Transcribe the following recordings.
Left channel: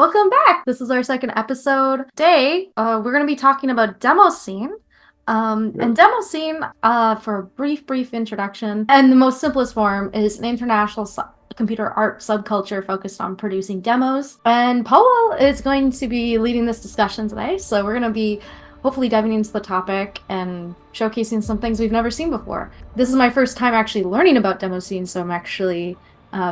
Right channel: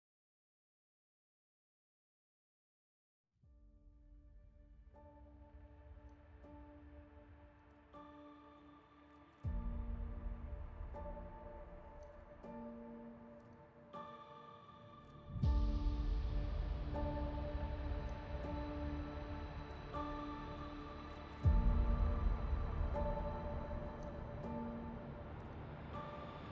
Welcome back. This is our second episode. Today, we're going to be talking about Demoscene. And Yep. Demoscene, for a brief introduction, and the most simplest form, is an international computer art subculture focused on producing demos. And Paul is going to be leading this discussion today, so we're going to be hopefully diving into the topic and showcasing some things we've never seen before. This is my first time actually learning about Demoscene, so I'm actually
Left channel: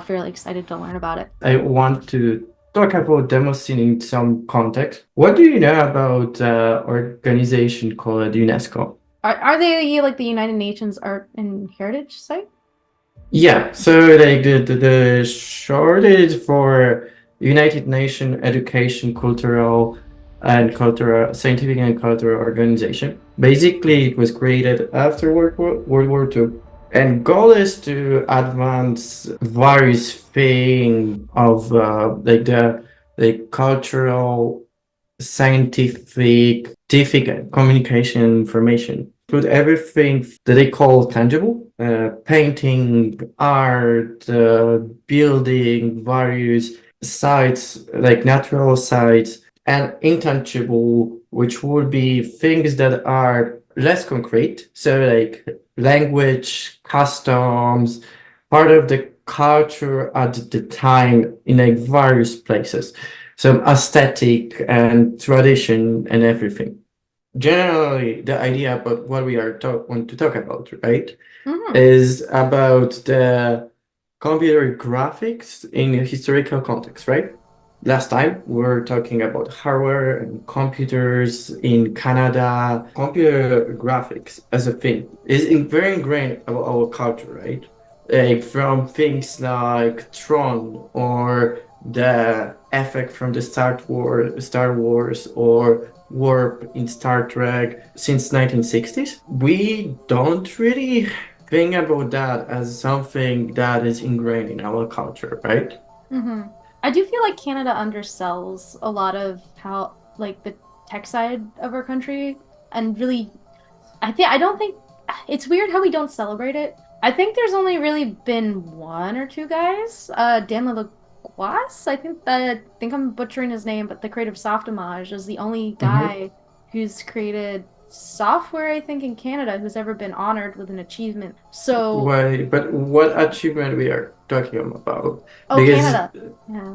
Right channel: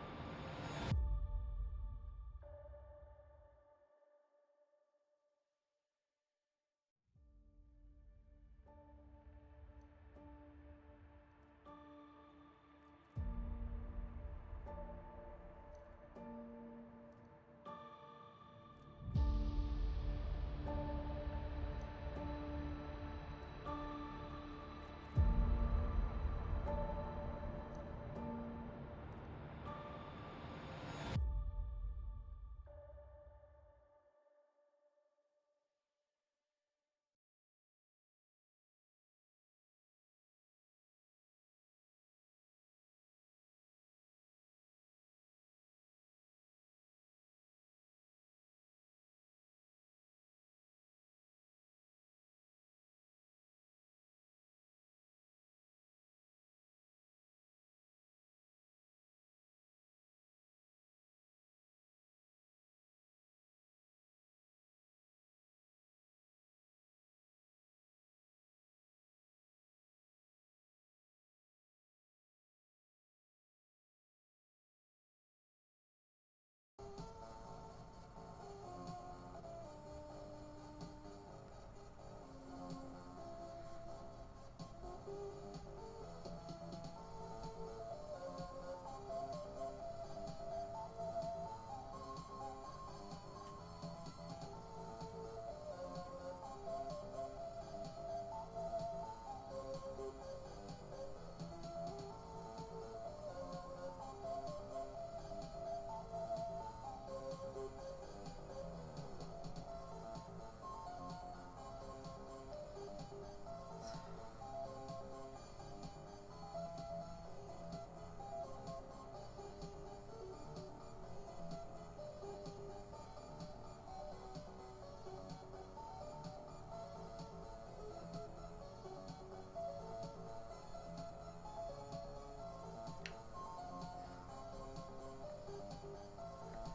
fairly excited to learn about it. I want to talk about Demoscene in some context. What do you know about organization called UNESCO? Are they like the United Nations Art and Heritage Site? Yeah, so like the shortage for United Nations Education, Scientific and Cultural Organization. Basically, it was created after World War II, and goal is to advance various things of the cultural, scientific communication information. Put everything that they call tangible, painting, art, building, various sites, like natural sites, and intangible, which would be things that are less concrete. So, like language, customs, part of the culture at the time in like various places. So, aesthetic and tradition and everything. Generally, the idea about what we want to talk about, right, Hmm. is about the computer graphics in a historical context, right? Last time we were talking about hardware and computers in Canada. Computer graphics as a thing is very ingrained about our culture, right? Like from things like Tron or the effect from the Star Wars or warp in Star Trek since 1960s. We don't really think about that as something that is ingrained in our culture, right? Hmm. I do feel like Canada undersells a lot of how like the tech side of our country, and really, I don't think it's weird how we don't celebrate it. I think there's only really been one or two guys. Dan Lacroix, I think I'm butchering his name, but the creator of Softimage is the only Mm-hmm. guy who's created software, I think, in Canada who's ever been honored with an achievement. So, Why? But what achievement we are talking about? oh, Because Canada. Yeah.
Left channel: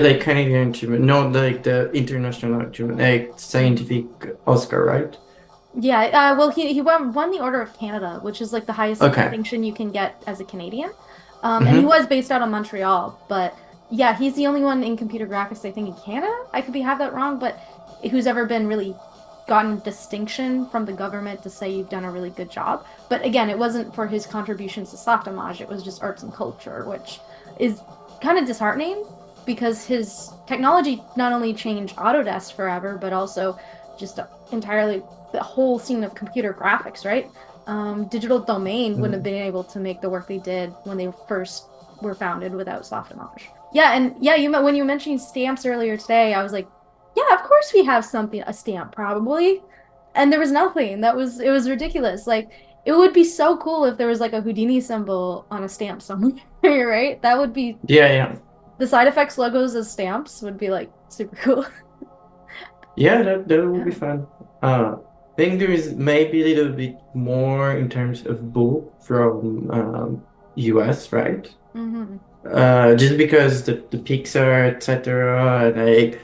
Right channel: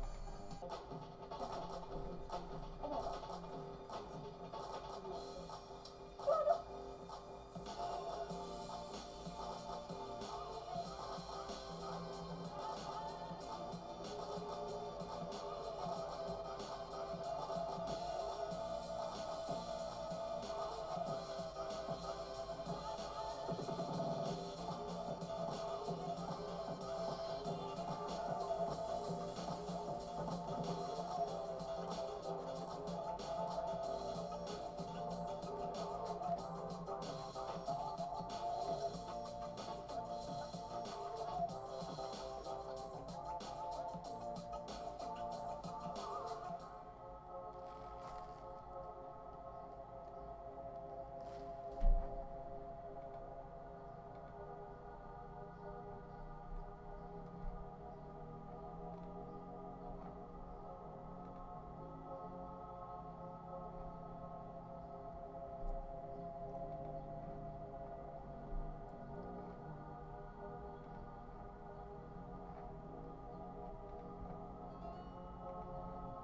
like Canadian achievement, not like the international achievement, like scientific Oscar, right? Yeah, well, he won the Order of Canada, which is like the highest Okay. distinction you can get as a Canadian. And he Mm-hmm. was based out of Montreal, but yeah, he's the only one in computer graphics, I think, in Canada. I could be have that wrong, but who's ever been really gotten distinction from the government to say you've done a really good job. But again, it wasn't for his contributions to Softimage, it was just arts and culture, which is kind of disheartening because his technology not only changed Autodesk forever, but also just entirely the whole scene of computer graphics, right? Digital Domain wouldn't have been able to make the work they did when they first were founded without Softimage. Yeah, and yeah, when you were mentioning stamps earlier today, I was like, yeah, of course we have something, a stamp probably. And there was nothing. It was ridiculous. Like, it would be so cool if there was like a Houdini symbol on a stamp somewhere, right? That would be Yeah, yeah. the side effects logos as stamps would be like super cool. Yeah, that will be Yeah. fun. I think there is maybe a little bit more in terms of bull from US, right? Mm-hmm. Just because the Pixar, etc., and like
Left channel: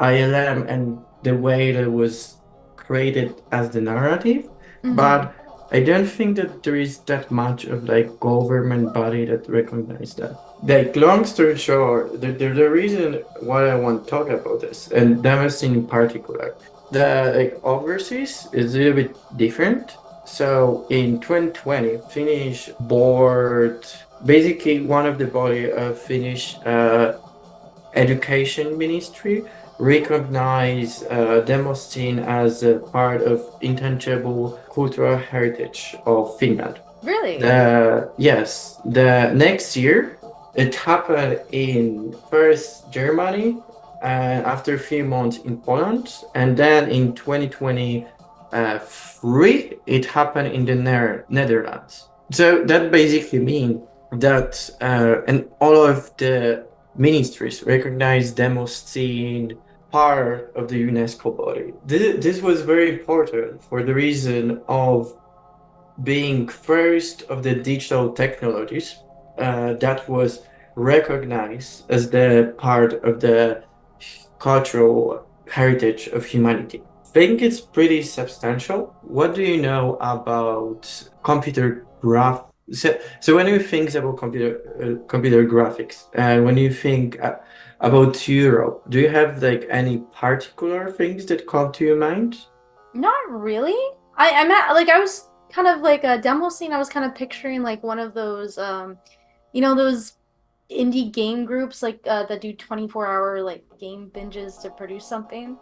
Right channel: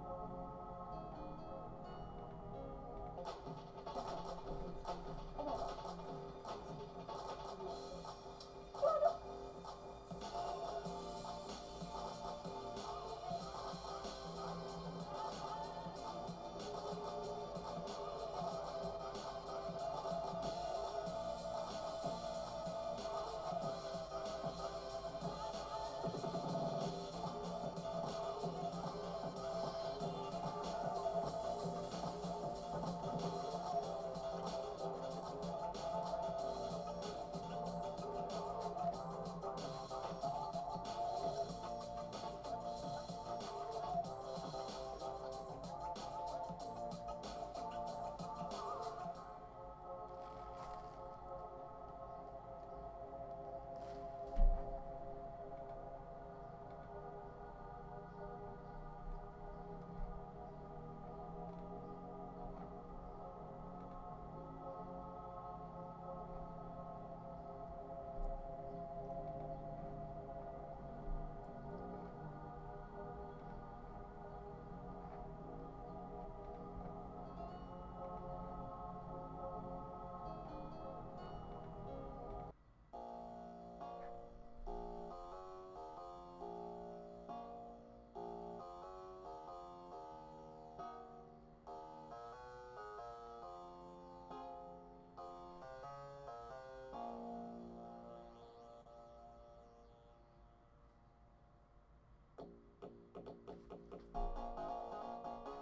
ILM and the way that it was created as the narrative, Mm-hmm. but I don't think that there is that much of like government body that recognize that. Like long story short, the reason why I want to talk about this, and Damascene in particular, the like overseas is a little bit different. So in 2020, Finnish board, basically one of the body of Finnish education ministry recognize Demoscene as a part of intangible cultural heritage of Finland. Really? The next year it happened in first Germany and after a few months in Poland, and then in 2023 it happened in the Netherlands. So that basically means that and all of the ministries recognize Demoscene part of the UNESCO body. This was very important for the reason of being first of the digital technologies that was recognized as the part of the cultural heritage of humanity. Think it's pretty substantial. What do you know about computer graph? So when you think about computer graphics, and when you think about Europe, do you have like any particular things that come to your mind? Not really. I'm at like I was kind of like a demo scene. I was kind of picturing like one of those those indie game groups like that do 24-hour like game binges to produce something.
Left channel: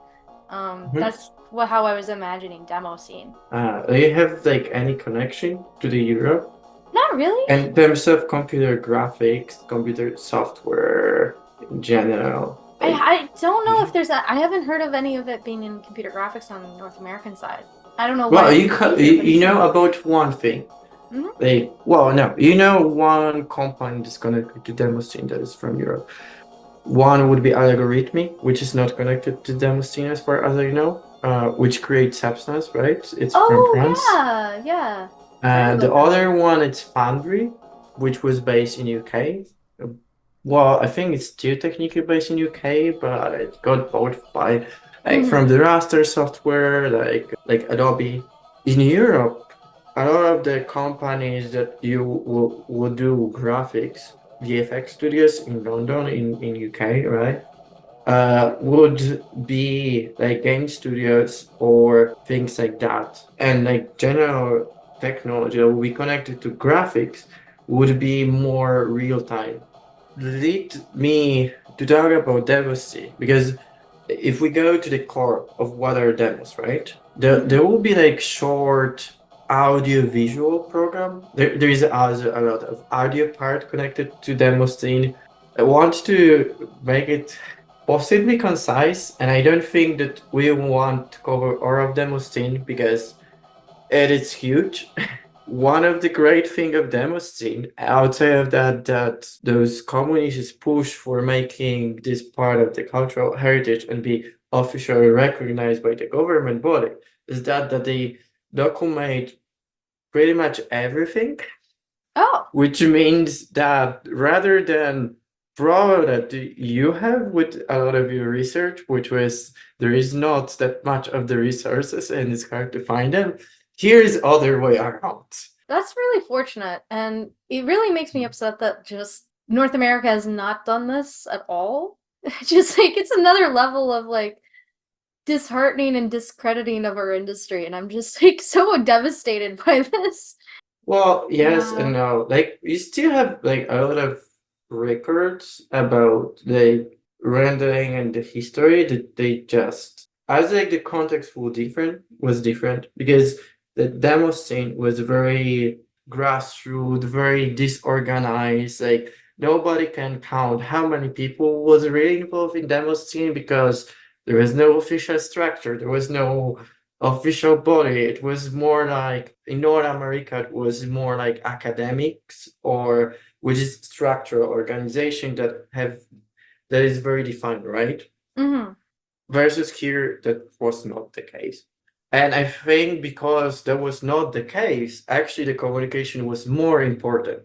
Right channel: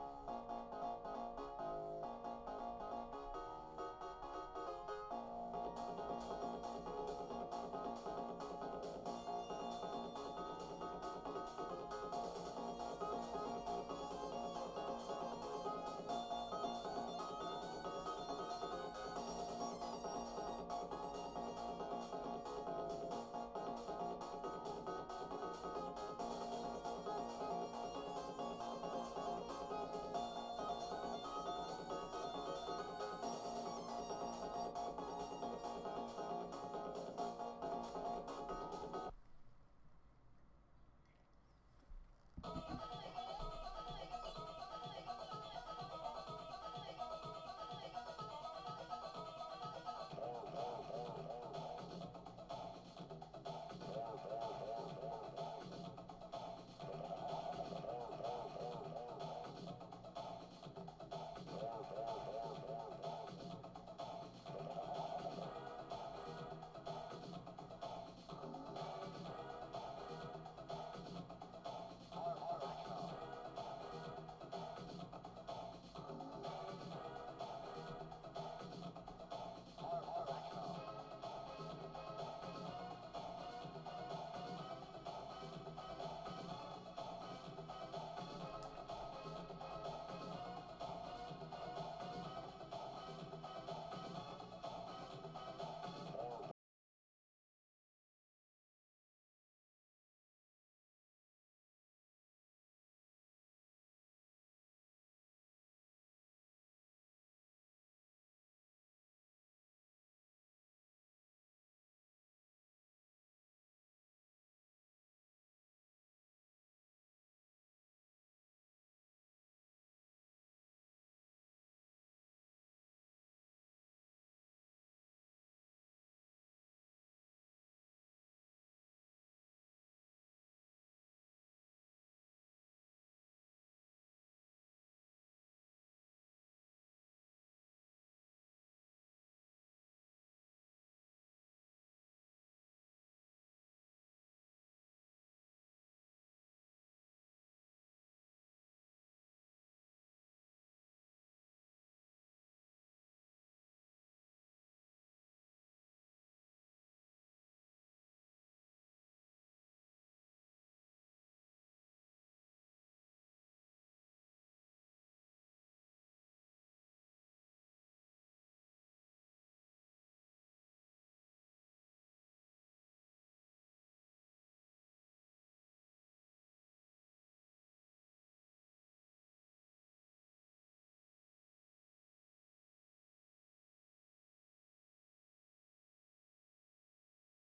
That's what how I was imagining demo scene. Do you have like any connection to the Europe? Not really. In terms of computer graphics, computer software in general, like, I don't know if there's a I haven't heard of any of it being in computer graphics on the North American side. I don't know why well, it would be here, but it you know seems about one thing. Mhm. Like, well, no, you know one company that's connected to Demoscene that is from Europe. One would be Algorithmic, which is not connected to Demoscene as far as I know, which creates Substance, right? It's from Oh France. yeah, yeah. I heard The about them. other one, it's Foundry, which was based in UK. Uh, Well, I think it's still technically based in UK, but it got bought by like Hmm. from the raster software, like Adobe. In Europe, a lot of the companies that you will do graphics, VFX studios in London, in UK, right? Would be like game studios or things like that. And like general technology that will be connected to graphics would be more real time. Lead me to talk about Demoscene because if we go to the core of what are demos, right? There Hmm. will be like short audio visual program. There is also a lot of audio part connected to Demoscene. I want to make it possibly concise, and I don't think that we want to cover all of Demoscene because it is huge. One of the great thing of Demoscene, outside of that those communities push for making this part of the cultural heritage and be officially recognized by the government body, is that they document pretty much everything, Oh, which means that rather than problem that you have with a lot of your research, which was there is not that much of the resources and it's hard to find them, here is other way around. that's really fortunate, and it really makes me upset that just North America has not done this at all. Just like it's another level of like disheartening and discrediting of our industry, and I'm just like so devastated by this. Well, yes and Wow. no. Like you still have like a lot of records about the rendering and the history that they just as like the context was different because the demo scene was very grassroots, very disorganized. Like nobody can count how many people was really involved in demo scene because there was no official structure, there was no official body. It was more like in North America, it was more like academics or which is structural organization that is very defined, right? Hmm. Versus here, that was not the case. And I think because that was not the case, actually the communication was more important.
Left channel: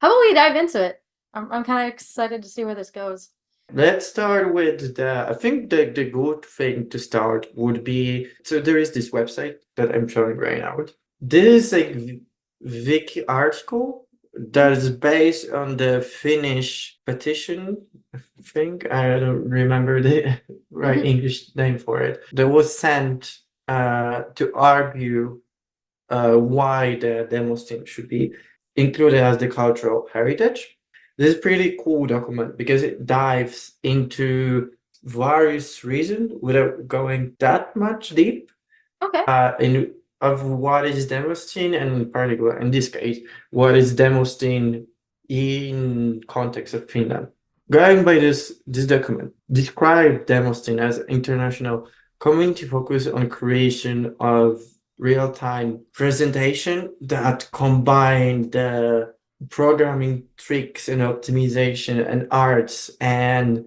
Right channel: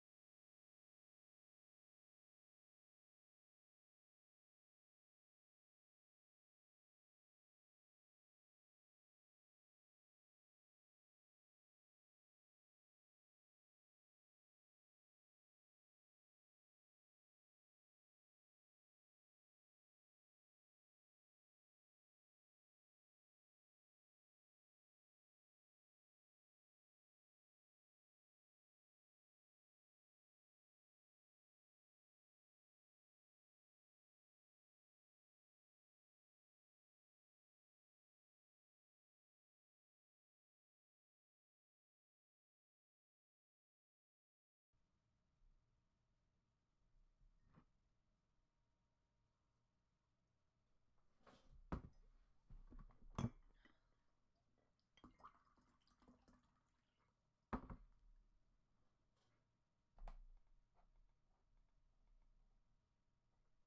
How about we dive into it? I'm kind of excited to see where this goes. Let's start with I think the good thing to start would be, so there is this website that I'm showing right now. This is a wiki article that is based on the Finnish petition, I think. I don't remember the right English name for it. That was sent to argue why the demos team should be included as the cultural heritage. This is pretty cool document because it dives into various reasons without going that much deep Okay. in of what is Demoscene and in particular in this case what is Demoscene in context of Finland. Going by this document, describe Demoscene as international community focused on creation of real-time presentation that combine the programming tricks and optimization and arts and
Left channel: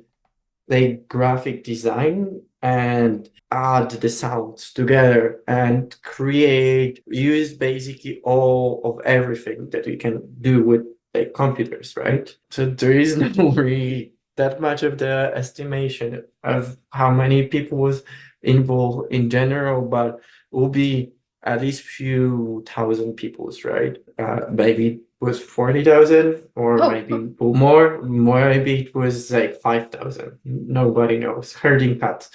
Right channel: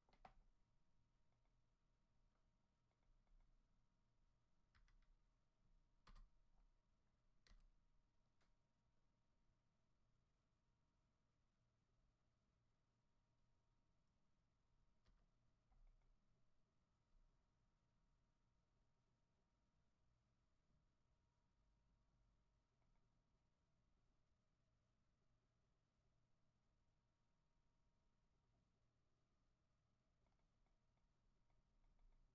like graphic design and add the sounds together and create use basically all of everything that we can do with like computers, right? So there is no really that much of the estimation of how many people was involved in general, but will be at least few thousand peoples, right? Maybe it was 40,000 or Oh, maybe more. Maybe it was like 5,000. Nobody knows. Herding cats.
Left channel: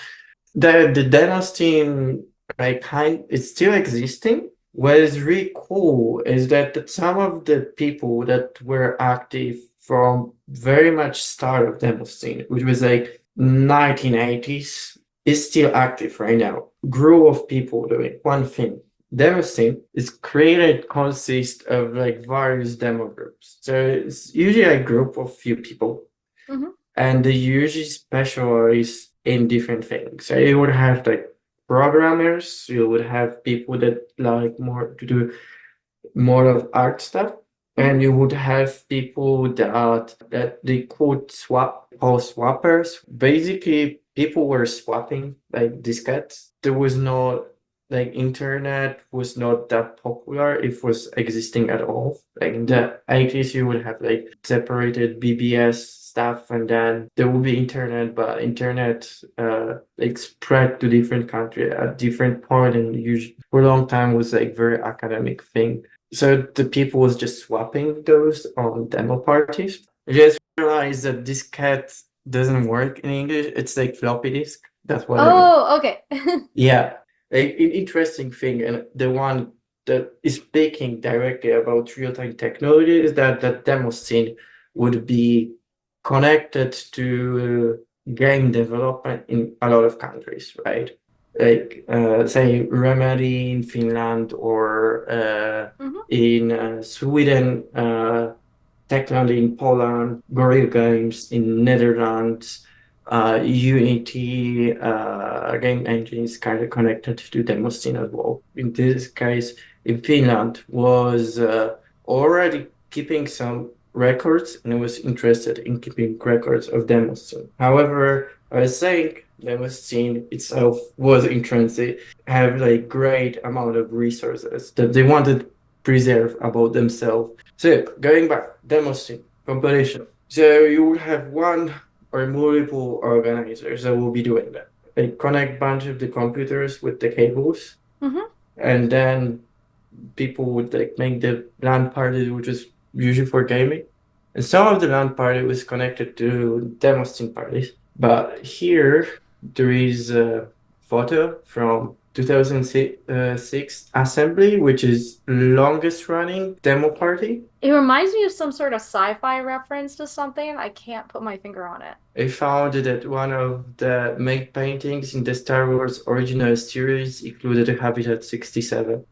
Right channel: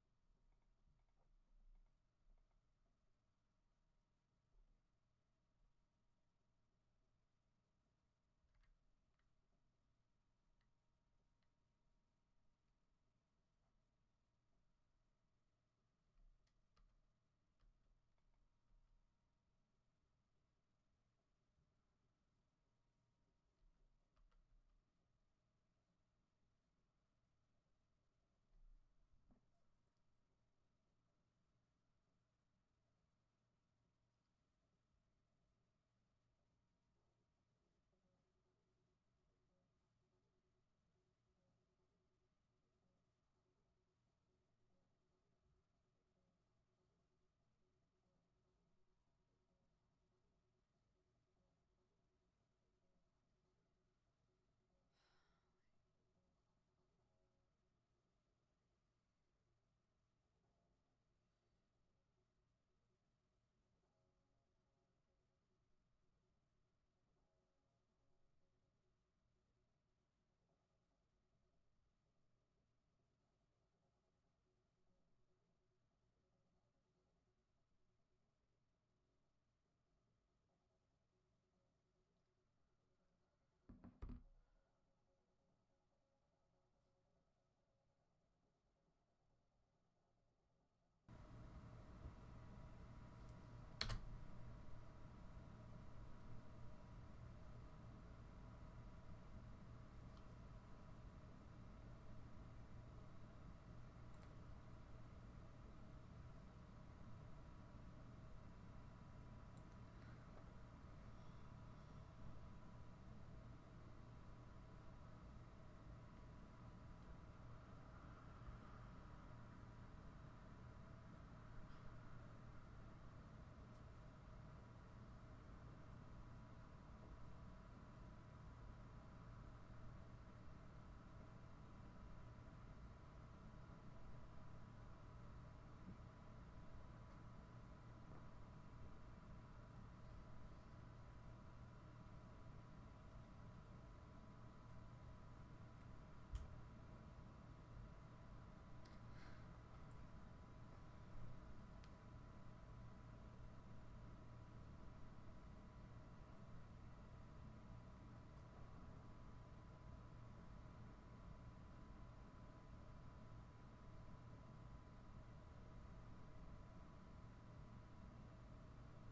The Demoscene like it's still existing. What is really cool is that some of the people that were active from very much start of Demoscene, which was like 1980s, is still active right now. Group of people doing one thing. Demoscene is created consists of like various demo groups. So it's usually a group of few people hmm. and they usually specialize in different things. So you would have like programmers, you would have people that like more to do more of art stuff, Hmm. and you would have people that they could swap call swappers. Basically, people were swapping like diskettes. There was no like internet was not that popular. It was existing at all. Like in Hmm. the 80s, you would have like separated BBS stuff, and then there would be internet, but internet like spread to different country at different point, and usually for a long time was like very academic thing. So the people was just swapping those on demo parties. I just realized that this cat doesn't work in English. It's like floppy disk. That's what I mean. Oh, okay. Yeah, an interesting thing, and the one that is speaking directly about real-time technology is that the demo scene would be connected to game development in a lot of countries, right? Like say Remedy in Finland or Hmm. in Sweden, Techland in Poland, Gorilla Games in Netherlands, Unity game engine is kind of connected to Demoscene as well. In this case, in Finland, was already keeping some records and was interested in keeping records of Demoscene. However, I was saying Demoscene itself was in transit, have like great amount of resources that they wanted to preserve about themselves. So going back, Demoscene competition. So you will have one or multiple organizers that will be doing that. They connect bunch of the computers with the cables, Hmm. and then people would like make the LAN party, which is usually for gaming. And some of the LAN party was connected to Demoscene parties. But here there is a photo from 2006 assembly, which is longest running demo party. It reminds me of some sort of sci-fi reference to something. I can't put my finger on it. I found that one of the main paintings in the Star Wars original series included Habitat 67.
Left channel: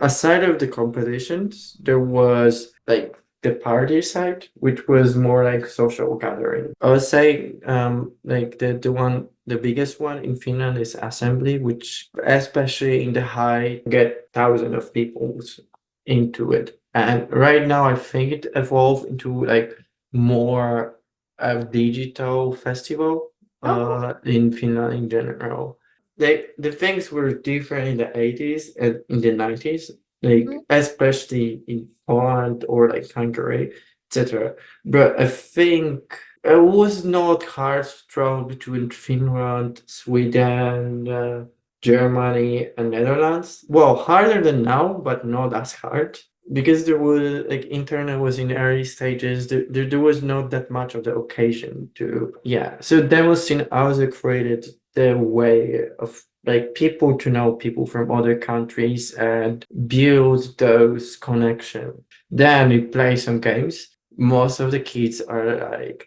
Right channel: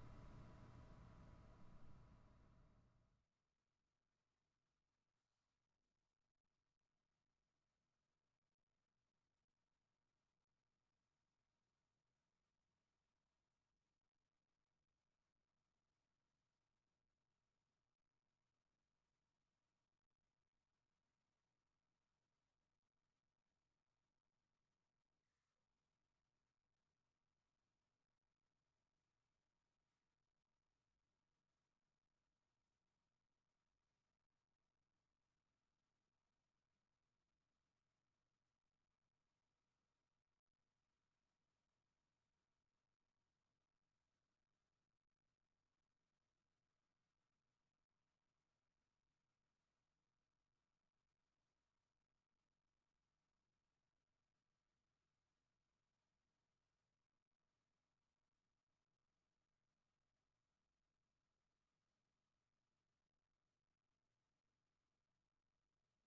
Aside of the competitions, there was like the party side, which was more like social gathering. I would say like the biggest one in Finland is Assembly, which especially in the high get thousands of people into it. And right now I think it evolved into like more a digital festival Oh, cool. in Finland in general. The things were different in the 80s and in the 90s, Mhm. like especially in Poland or like Hungary, etc. But I think it was not hard to travel between Finland, Sweden, Germany, and Netherlands. Well, harder than now, but not as hard because there was like internet was in early stages. There was not that much of the occasion to yeah. So Demoscene also created the way of like people to know people from other countries and build those connections. Then we play some games. Most of the kids are like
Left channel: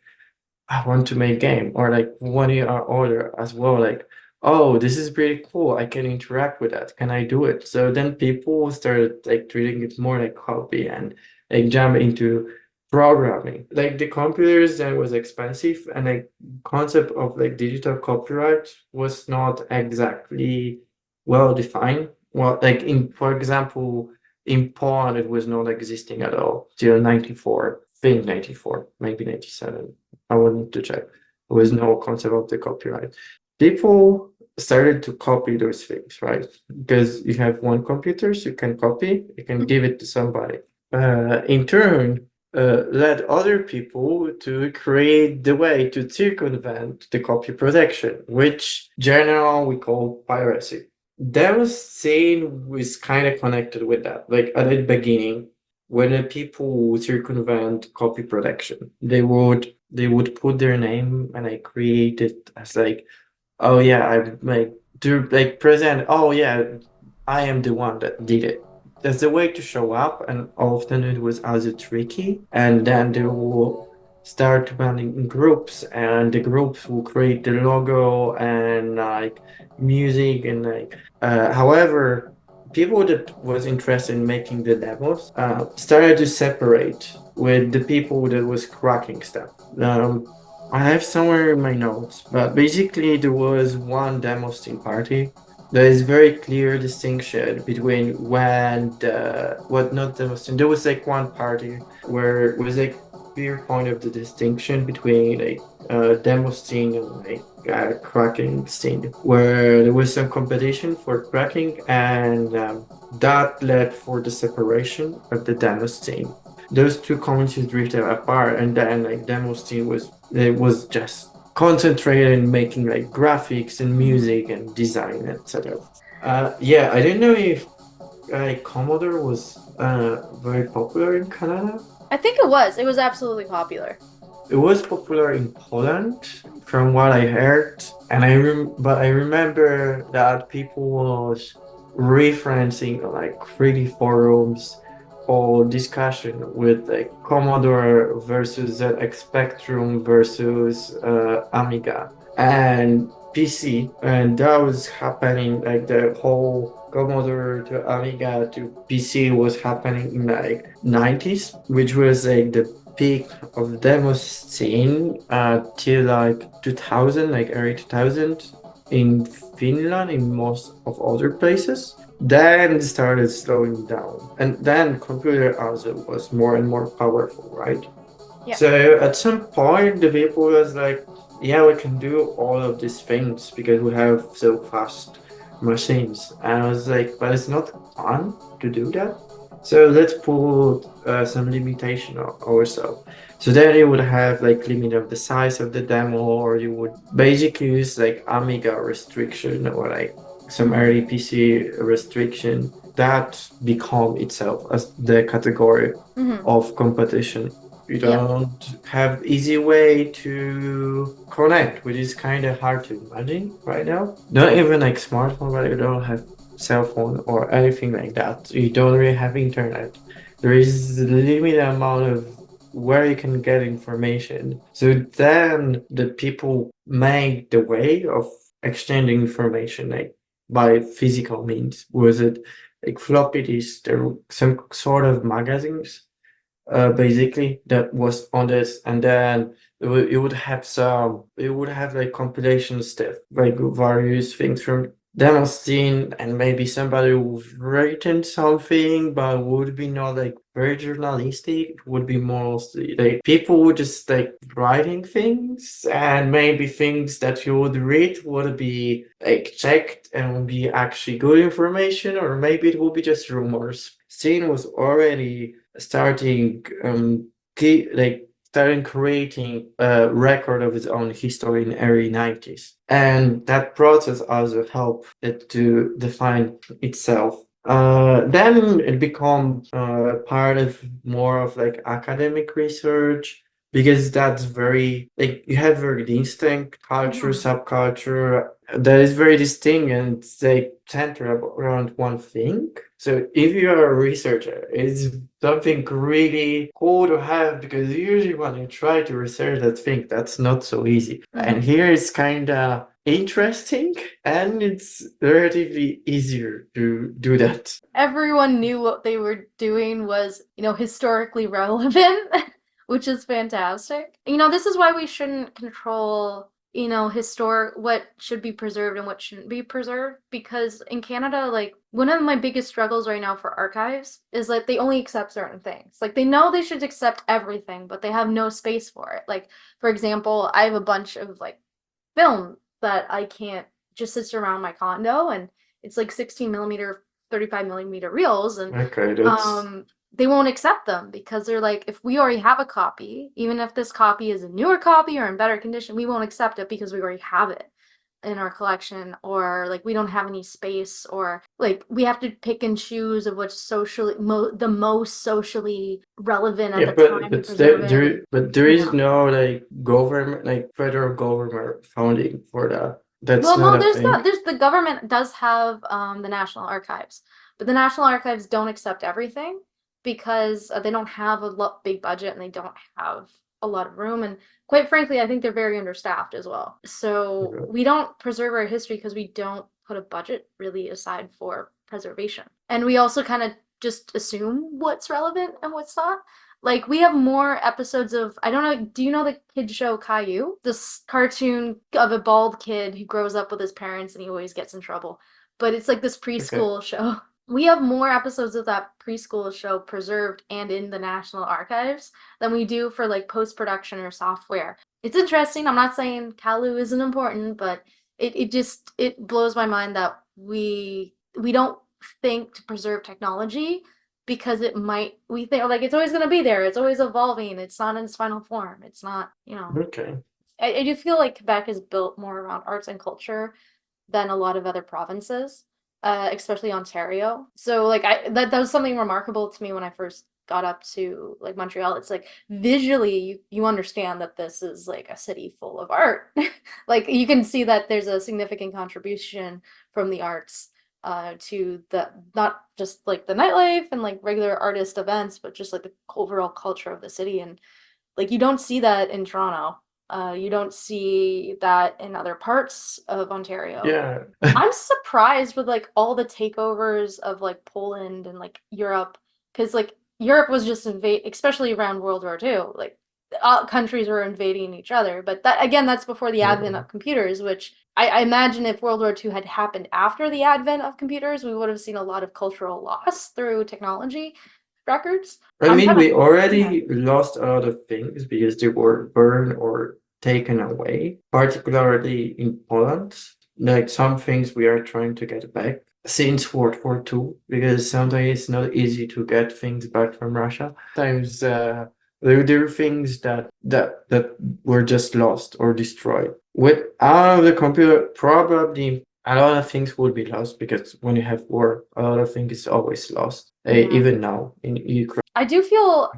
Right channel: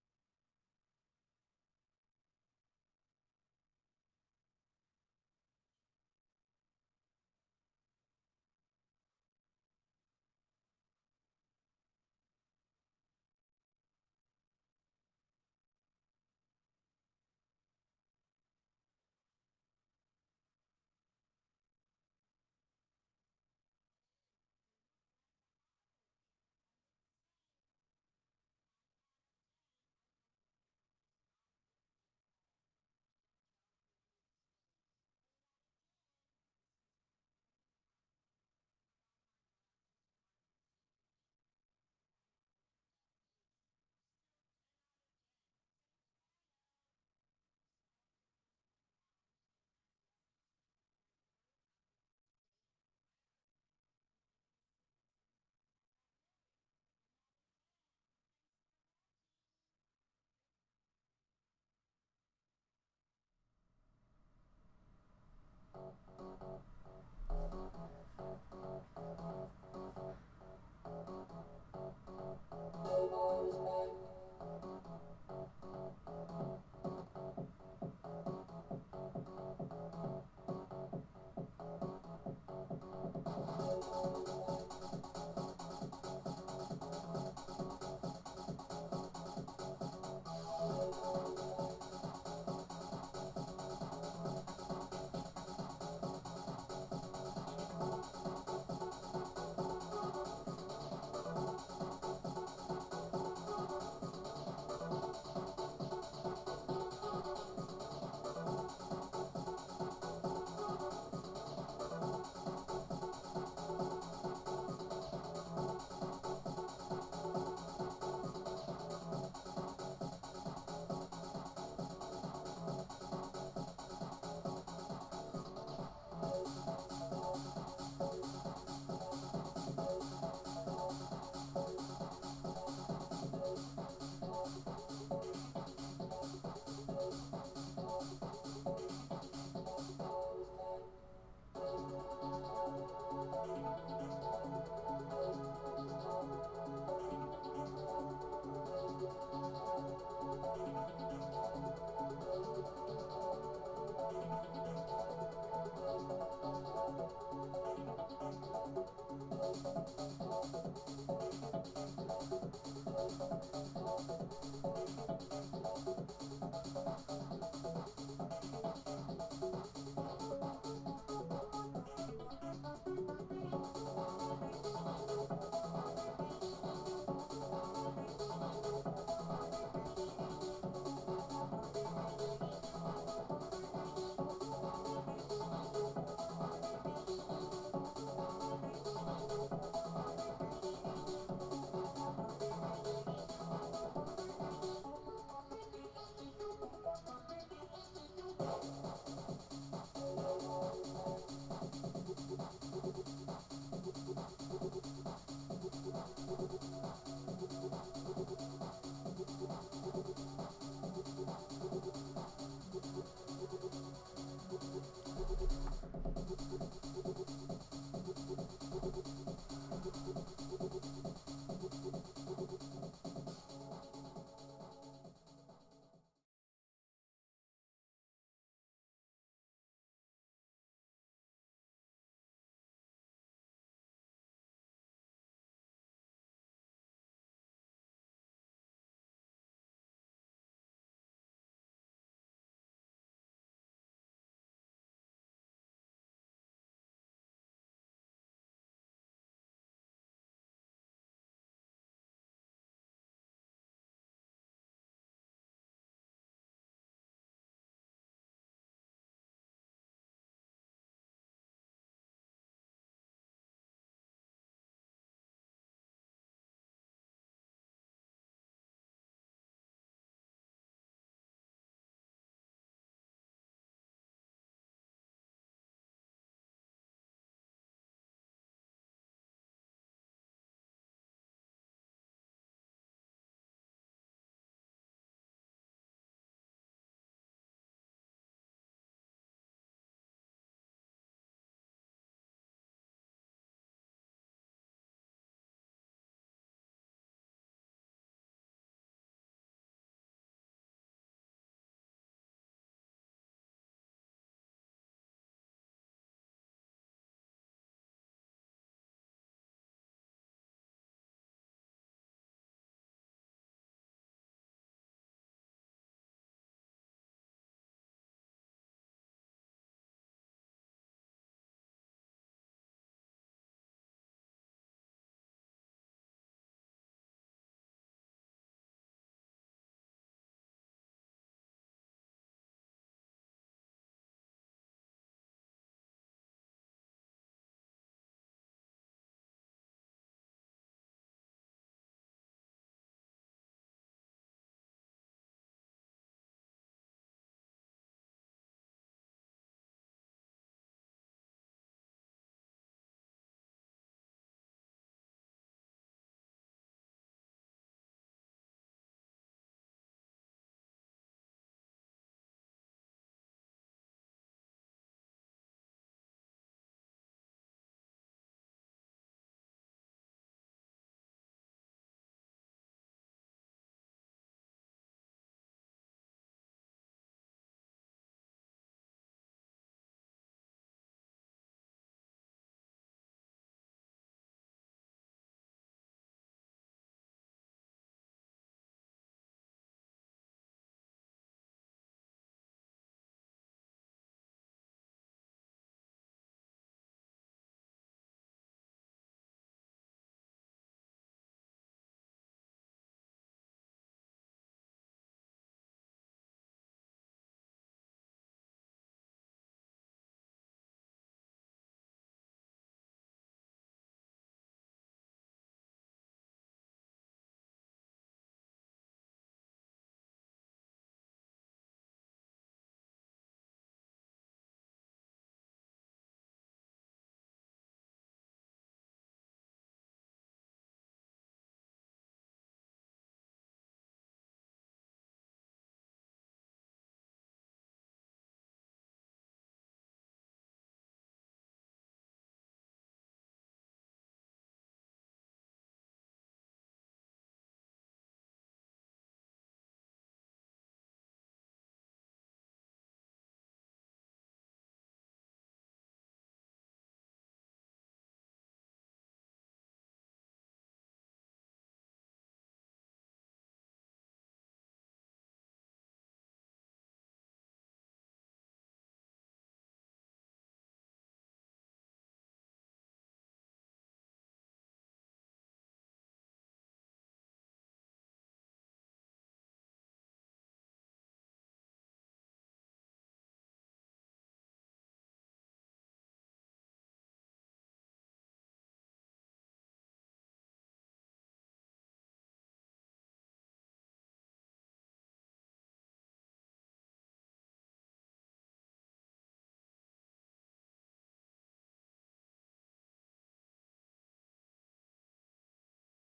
I want to make game or like 1 year older as well. Like, oh, this is pretty cool. I can interact with that. Can I do it? So then people started like treating it more like hobby and like jump into programming. Like the computers then was expensive and like concept of like digital copyright was not exactly well defined. Well, like in for example, In Poland, it was not existing at all till 94, I think 94, maybe 97. I would need to check. There was no concept of the copyright. People started to copy those things, right? Because you have one computer, so you can copy, you can give it to somebody. In turn, led other people to create the way to circumvent the copy protection, which general we call piracy. Demoscene was kind of connected with that. Like at the beginning, when the people would circumvent copy protection, they would put their name and I create it as like, oh yeah, I like do like present, oh yeah, I am the one that did it. That's the way to show up, and often it was also tricky. And then they will start running in groups, and the groups will create the logo and like music and like however people that was interested in making the demos started to separate with the people that was cracking stuff. I have somewhere in my notes, but basically there was one Demoscene party. There is very clear distinction between when the what not Demoscene. There was like one party where it was a clear point of the distinction between like Demoscene and like cracking scene, where there was some competition for cracking, and that led for the separation of the Demoscene. Those two communities drifted apart, and then like Demoscene was just concentrated in making like graphics and music and design, etc. Yeah, I didn't know if Commodore was very popular in Canada. I think it was. It was absolutely popular. It was popular in Poland, from what I heard, and but I remember that people was referencing like 3D forums or discussion with like Commodore versus ZX Spectrum versus Amiga and PC, and that was happening like the whole Commodore to Amiga to PC was happening in like 90s, which was like the peak of the demo scene till like 2000, like early 2000 in Finland, in most of other places. Then it started slowing down, and then computer also was more and more powerful, right? Yeah. So at some point, the people was like, "Yeah, we can do all of these things because we have so fast machines." And I was like, "But it's not fun to do that. So let's put some limitation on ourselves." So then you would have like limit of the size of the demo, or you would basically use like Amiga restriction or like some early PC restriction that become itself as the category Mm-hmm. of competition. You Yeah. don't have easy way to connect, which is kind of hard to imagine right now. Not even like smartphone, but you don't have cell phone or anything like that. You don't really have internet. There is a limited amount of where you can get information. So then the people make the way of exchanging information like by physical means. Was it like floppy disks? There were some sort of magazines basically that was on this, and then it would have like compilation stuff like various things from Demoscene, and maybe somebody who's written something but would be not like very journalistic. It would be mostly like people would just like writing things, and maybe things that you would read would be like checked and would be actually good information, or maybe it would be just rumors. Scene was already starting like starting creating a record of its own history in the early 90s, and that process also helped it to define itself. Then it become part of more of like academic research, because that's very like you have very distinct culture, Mm-hmm. subculture that is very distinct, and it's like centered around one thing. So if you're a researcher, it's something really cool to have, because usually when you try to research that thing, that's not so easy. And Mm-hmm. here it's kind of interesting, and it's relatively easier to do that. Everyone knew what they were doing was, historically relevant, which is fantastic. This is why we shouldn't control historic, what should be preserved and what shouldn't be preserved. Because in Canada, like, one of my biggest struggles right now for archives is like they only accept certain things. Like, they know they should accept everything, but they have no space for it. Like, for example, I have a bunch of like film that I can't just sits around my condo, and it's like 16 millimeter, 35 millimeter reels, and Okay, that's um they won't accept them because they're like, if we already have a copy, even if this copy is a newer copy or in better condition, we won't accept it because we already have it in our collection, or like we don't have any space, or like we have to pick and choose of what's the most socially relevant at yeah, the time to preserve it. And there is yeah. no like government, like federal government funding for that. That's Well, not no, a thing. there's the government does have the National Archives, but the National Archives don't accept everything because they don't have big budget, and they don't have a lot of room, and quite frankly, I think they're very understaffed as well. So Okay. we don't preserve our history because we don't put a budget really aside for preservation, and we also kind of just assume what's relevant and what's not. Like, we have more episodes of, I don't know, do you know the kid show Caillou? This cartoon of a bald kid who grows up with his parents and he always gets in trouble. But it's like this Okay. preschool show. We have more episodes of that preschool show preserved and in the National Archives than we do for like post-production or software. It's interesting. I'm not saying Caillou isn't important, but it blows my mind that we don't think to preserve technology because we think like it's always going to be there, it's always evolving, it's not in its final form, it's not, Okay. I do feel like Quebec is built more around arts and culture than a lot of other provinces, especially Ontario. So like that was something remarkable to me when I first got up to like Montreal. It's like visually you understand that this is like a city full of art. Like you can see that there's a significant contribution from the arts to the not just like the nightlife and like regular artist events, but just like the overall culture of the city. And like you don't see that in Toronto. You don't see that in other parts of Ontario. Yeah. I'm surprised with like all the takeovers of like Poland and like Europe, because like Europe was just especially around World War II. Like countries were invading each other, but that again, that's before the advent Yeah. of computers. Which I imagine if World War II had happened after the advent of computers, we would have seen a lot of cultural loss through technology records. I I'm mean, kind of we yeah. already lost a lot of things because they were burned or taken away, particularly in Poland. Like some things we are trying to get back since World War II, because sometimes it's not easy to get things back from Russia. Sometimes there are things that were just lost or destroyed. Without the computer, probably a lot of things would be lost because when you have war, a lot of things is always lost. Yeah. Even now in Ukraine. I do feel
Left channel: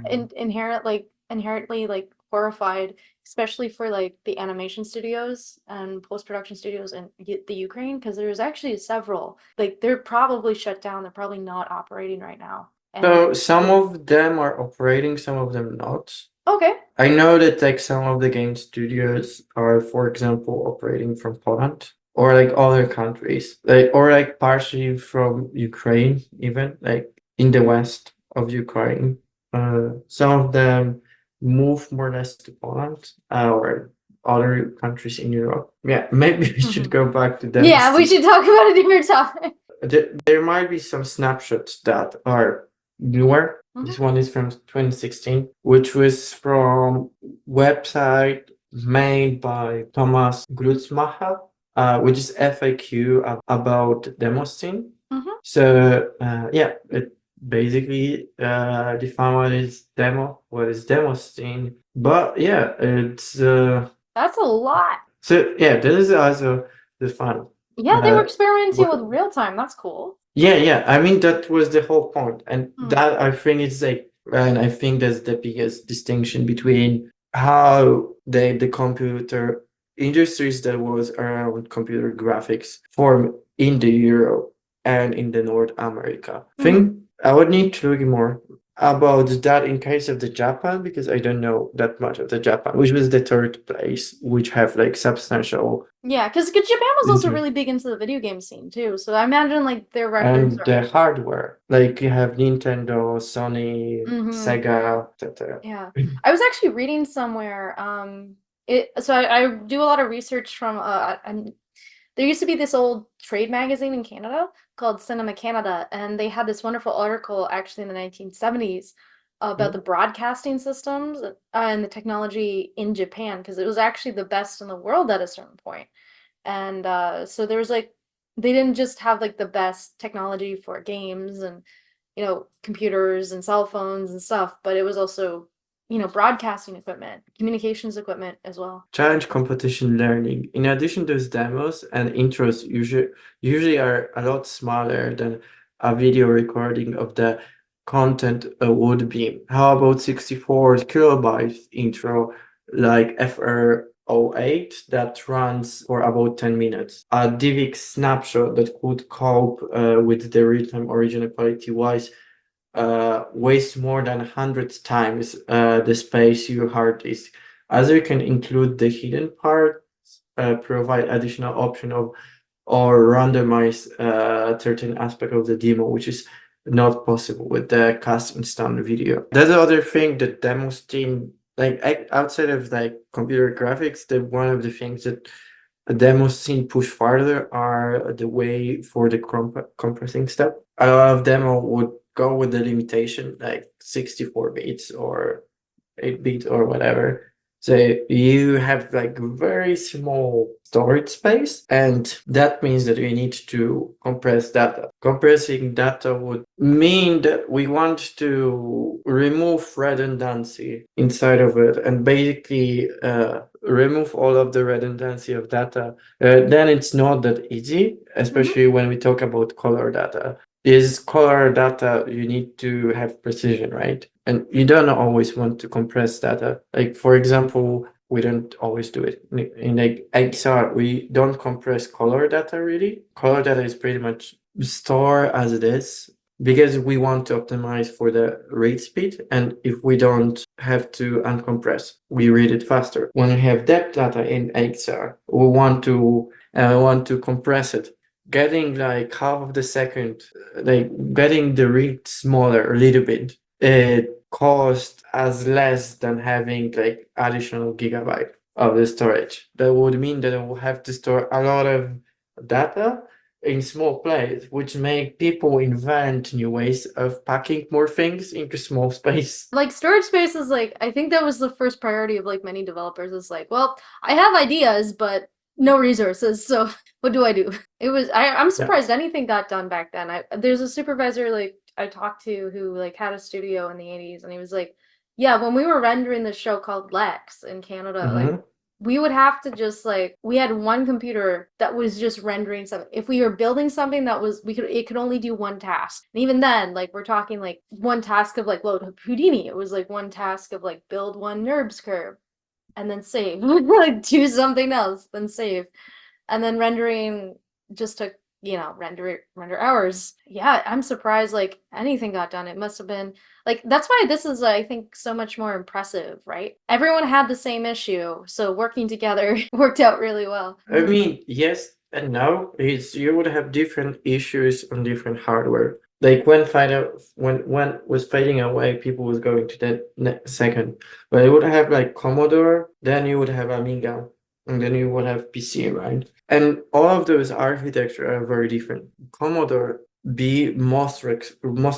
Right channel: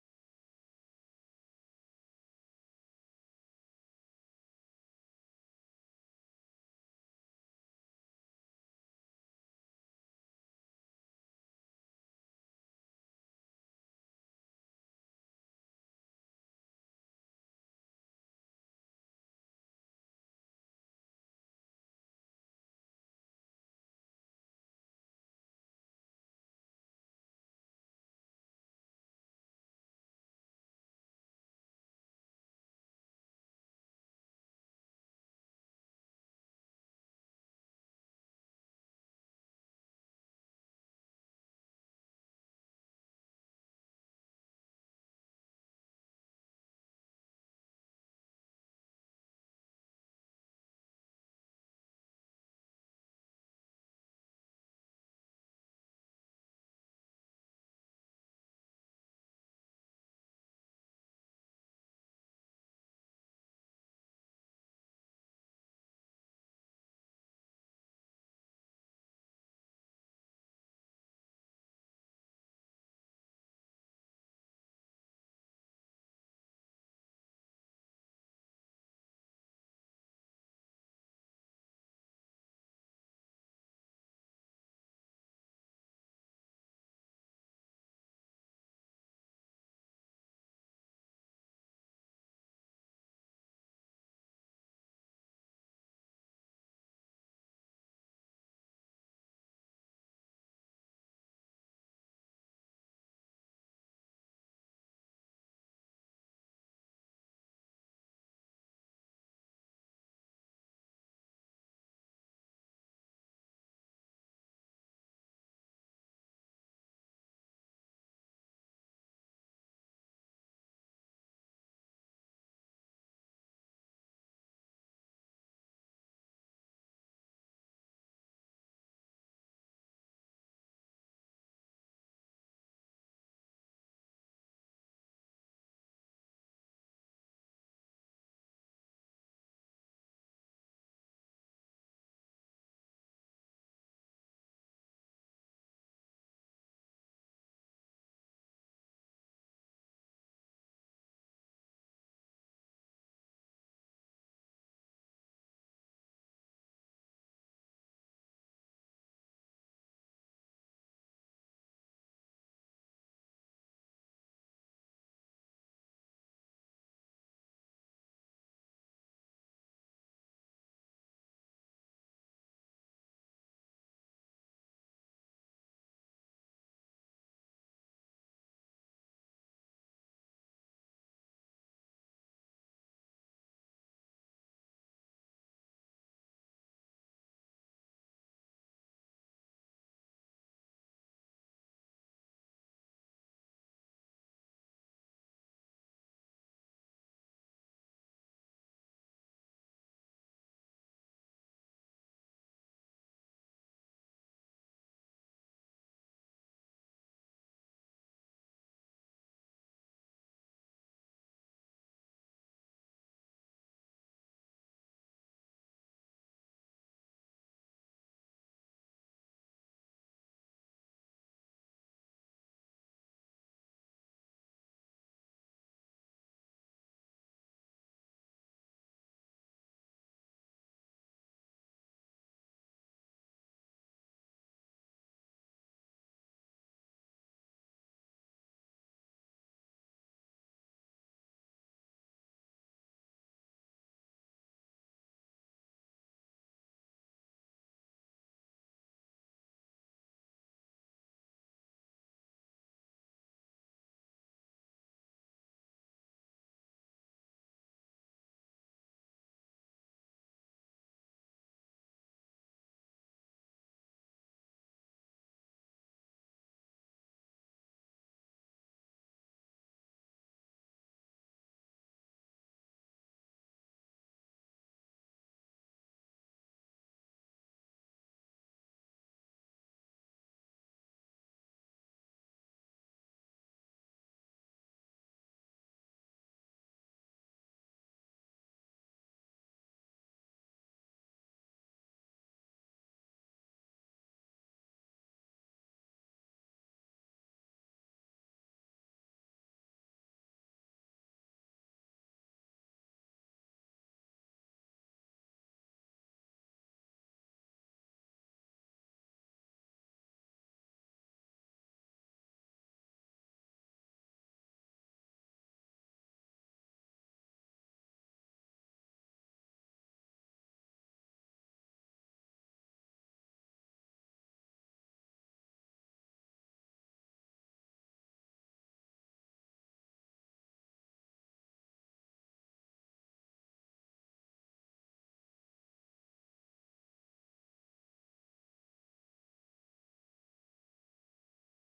inherently like horrified, especially for like the animation studios and post-production studios in the Ukraine, because there's actually several. Like they're probably shut down. They're probably not operating right now. And So some like, of them are operating, some of them not. okay. I know that like some of the game studios are, for example, operating from Poland or like other countries, like or like partially from Ukraine, even like in the west of Ukraine. Some of them move more or less to Poland or other countries in Europe. Yeah, maybe we should Mhm. go back to Yeah, we Demoscene. should talk about a different topic. There might be some snapshots that are newer. Mhm. This one is from 2016, which was from website made by Thomas Grutzmacher, which is FAQ about Demoscene. Mhm. So yeah, it basically define what is Demoscene. But yeah, it's That's a lot. so yeah, this is also the fun. Yeah, they were Uh, experimenting with real time. That's cool. Yeah, yeah. I mean, that was the whole point. And Hmm. that I think it's like, and I think that's the biggest distinction between how the computer industries that was around computer graphics form in the Europe and in the North America. I Hmm. think I would need to look more about that in case of the Japan, because I don't know that much of the Japan, which was the third place, which have like substantial Yeah, because Japan was also interest. really big into the video game scene too. So I imagine like their records And are. the hardware, like you have Nintendo, Sony, Hmm. Sega, etc. Yeah. I was actually reading somewhere, I do a lot of research from there used to be this old trade magazine in Canada called Cinema Canada, and they had this wonderful article actually in the 1970s about the Mhm. broadcasting systems and the technology in Japan because it was actually the best in the world at a certain point. And so there was like they didn't just have like the best technology for games and computers and cell phones and stuff, but it was also broadcasting equipment, communications equipment as well. Challenge competition learning. In addition, those demos and intros usually are a lot smaller than a video recording of the content would be. How about 64 kilobytes intro like FR08 that runs for about 10 minutes? A DivX snapshot that could cope with the real-time original quality wise waste more than 100 times the space your hard disk. As you can include the hidden parts, provide additional option of or randomize certain aspect of the demo, which is not possible with the cast instant video. That's the other thing that Demoscene, like outside of like computer graphics, that one of the things that a Demoscene push farther are the way for the compressing step. A lot of demo would go with the limitation like 64 bits or 8-bit or whatever. So you have like very small storage space, and that means that you need to compress data. Compressing data would mean that we want to remove redundancy inside of it and basically remove all of the redundancy of data. Then it's not that easy, Hmm. especially when we talk about color data. Is color data, you need to have precision, right? And you don't always want to compress data. Like for example, we don't always do it. In like XR, we don't compress color data really. Color data is pretty much store as it is because we want to optimize for the read speed. And if we don't have to uncompress, we read it faster. When we have depth data in XR, we want to compress it, getting like half of the second, like getting the read smaller a little bit, it cost as less than having like additional gigabyte of the storage. That would mean that I will have to store a lot of data in small place, which make people invent new ways of packing more things into small space. Like storage space is like I think that was the first priority of like many developers. Is like, well, I have ideas, but no resources. So what do I do? I'm Yeah. surprised anything got done back then. There's a supervisor like I talked to who like had a studio in the 80s, and he was like, yeah, when we were rendering the show called Lex in Canada, like Hmm. we would have to just like we had one computer that was just rendering something. If we were building something that was we could it could only do one task. And even then, like we're talking like one task of like load Houdini. It was like one task of like build one NURBS curve and then save. Like do something else, then save. And then rendering just took, render hours. Yeah, I'm surprised like anything got done. It must have been like that's why this is I think so much more impressive, right? Everyone had the same issue, so working together worked out really well. I mean, yes and no. It's you would have different issues on different hardware. Like when was fading away, people was going to that second. But you would have like Commodore, then you would have Amiga, and then you would have PC, right? And all of those architecture are very different. Commodore be most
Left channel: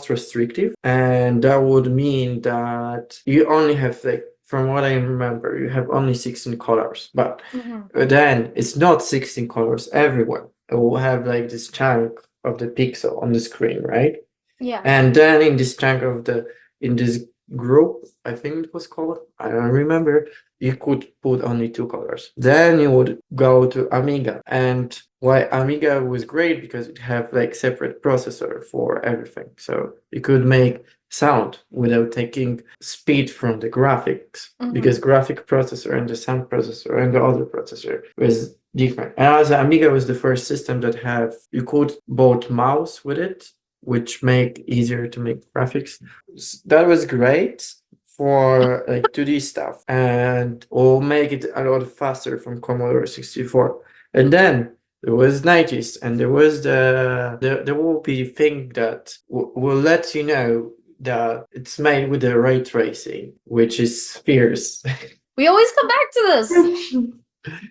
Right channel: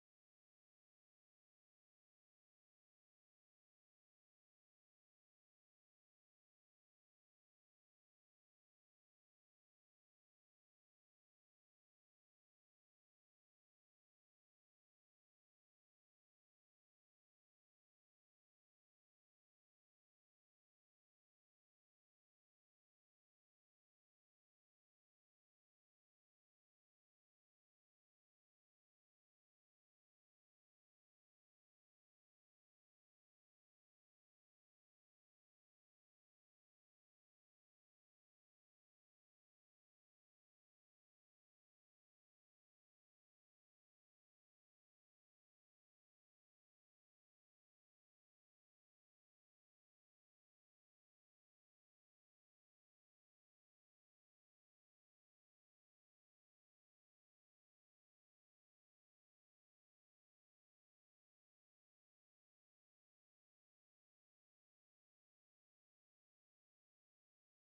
restrictive, and that would mean that you only have like from what I remember, you have only 16 colors, but Hmm. then it's not 16 colors everywhere. It will have like this chunk of the pixel on the screen, right? Yeah. And then in this chunk of the in this group, I think it was called, I don't remember, you could put only two colors. Then you would go to Amiga. And why Amiga was great because it have like separate processor for everything. So you could make sound without taking speed from the graphics Hmm. because graphic processor and the sound processor and the other processor was different. And also Amiga was the first system that have you could both mouse with it, which make easier to make graphics. That was great for like 2D stuff and will make it a lot faster from Commodore 64. And then there was 90s and there was there will be thing that will let you know that it's made with the ray tracing, which is fierce. We always come back to this.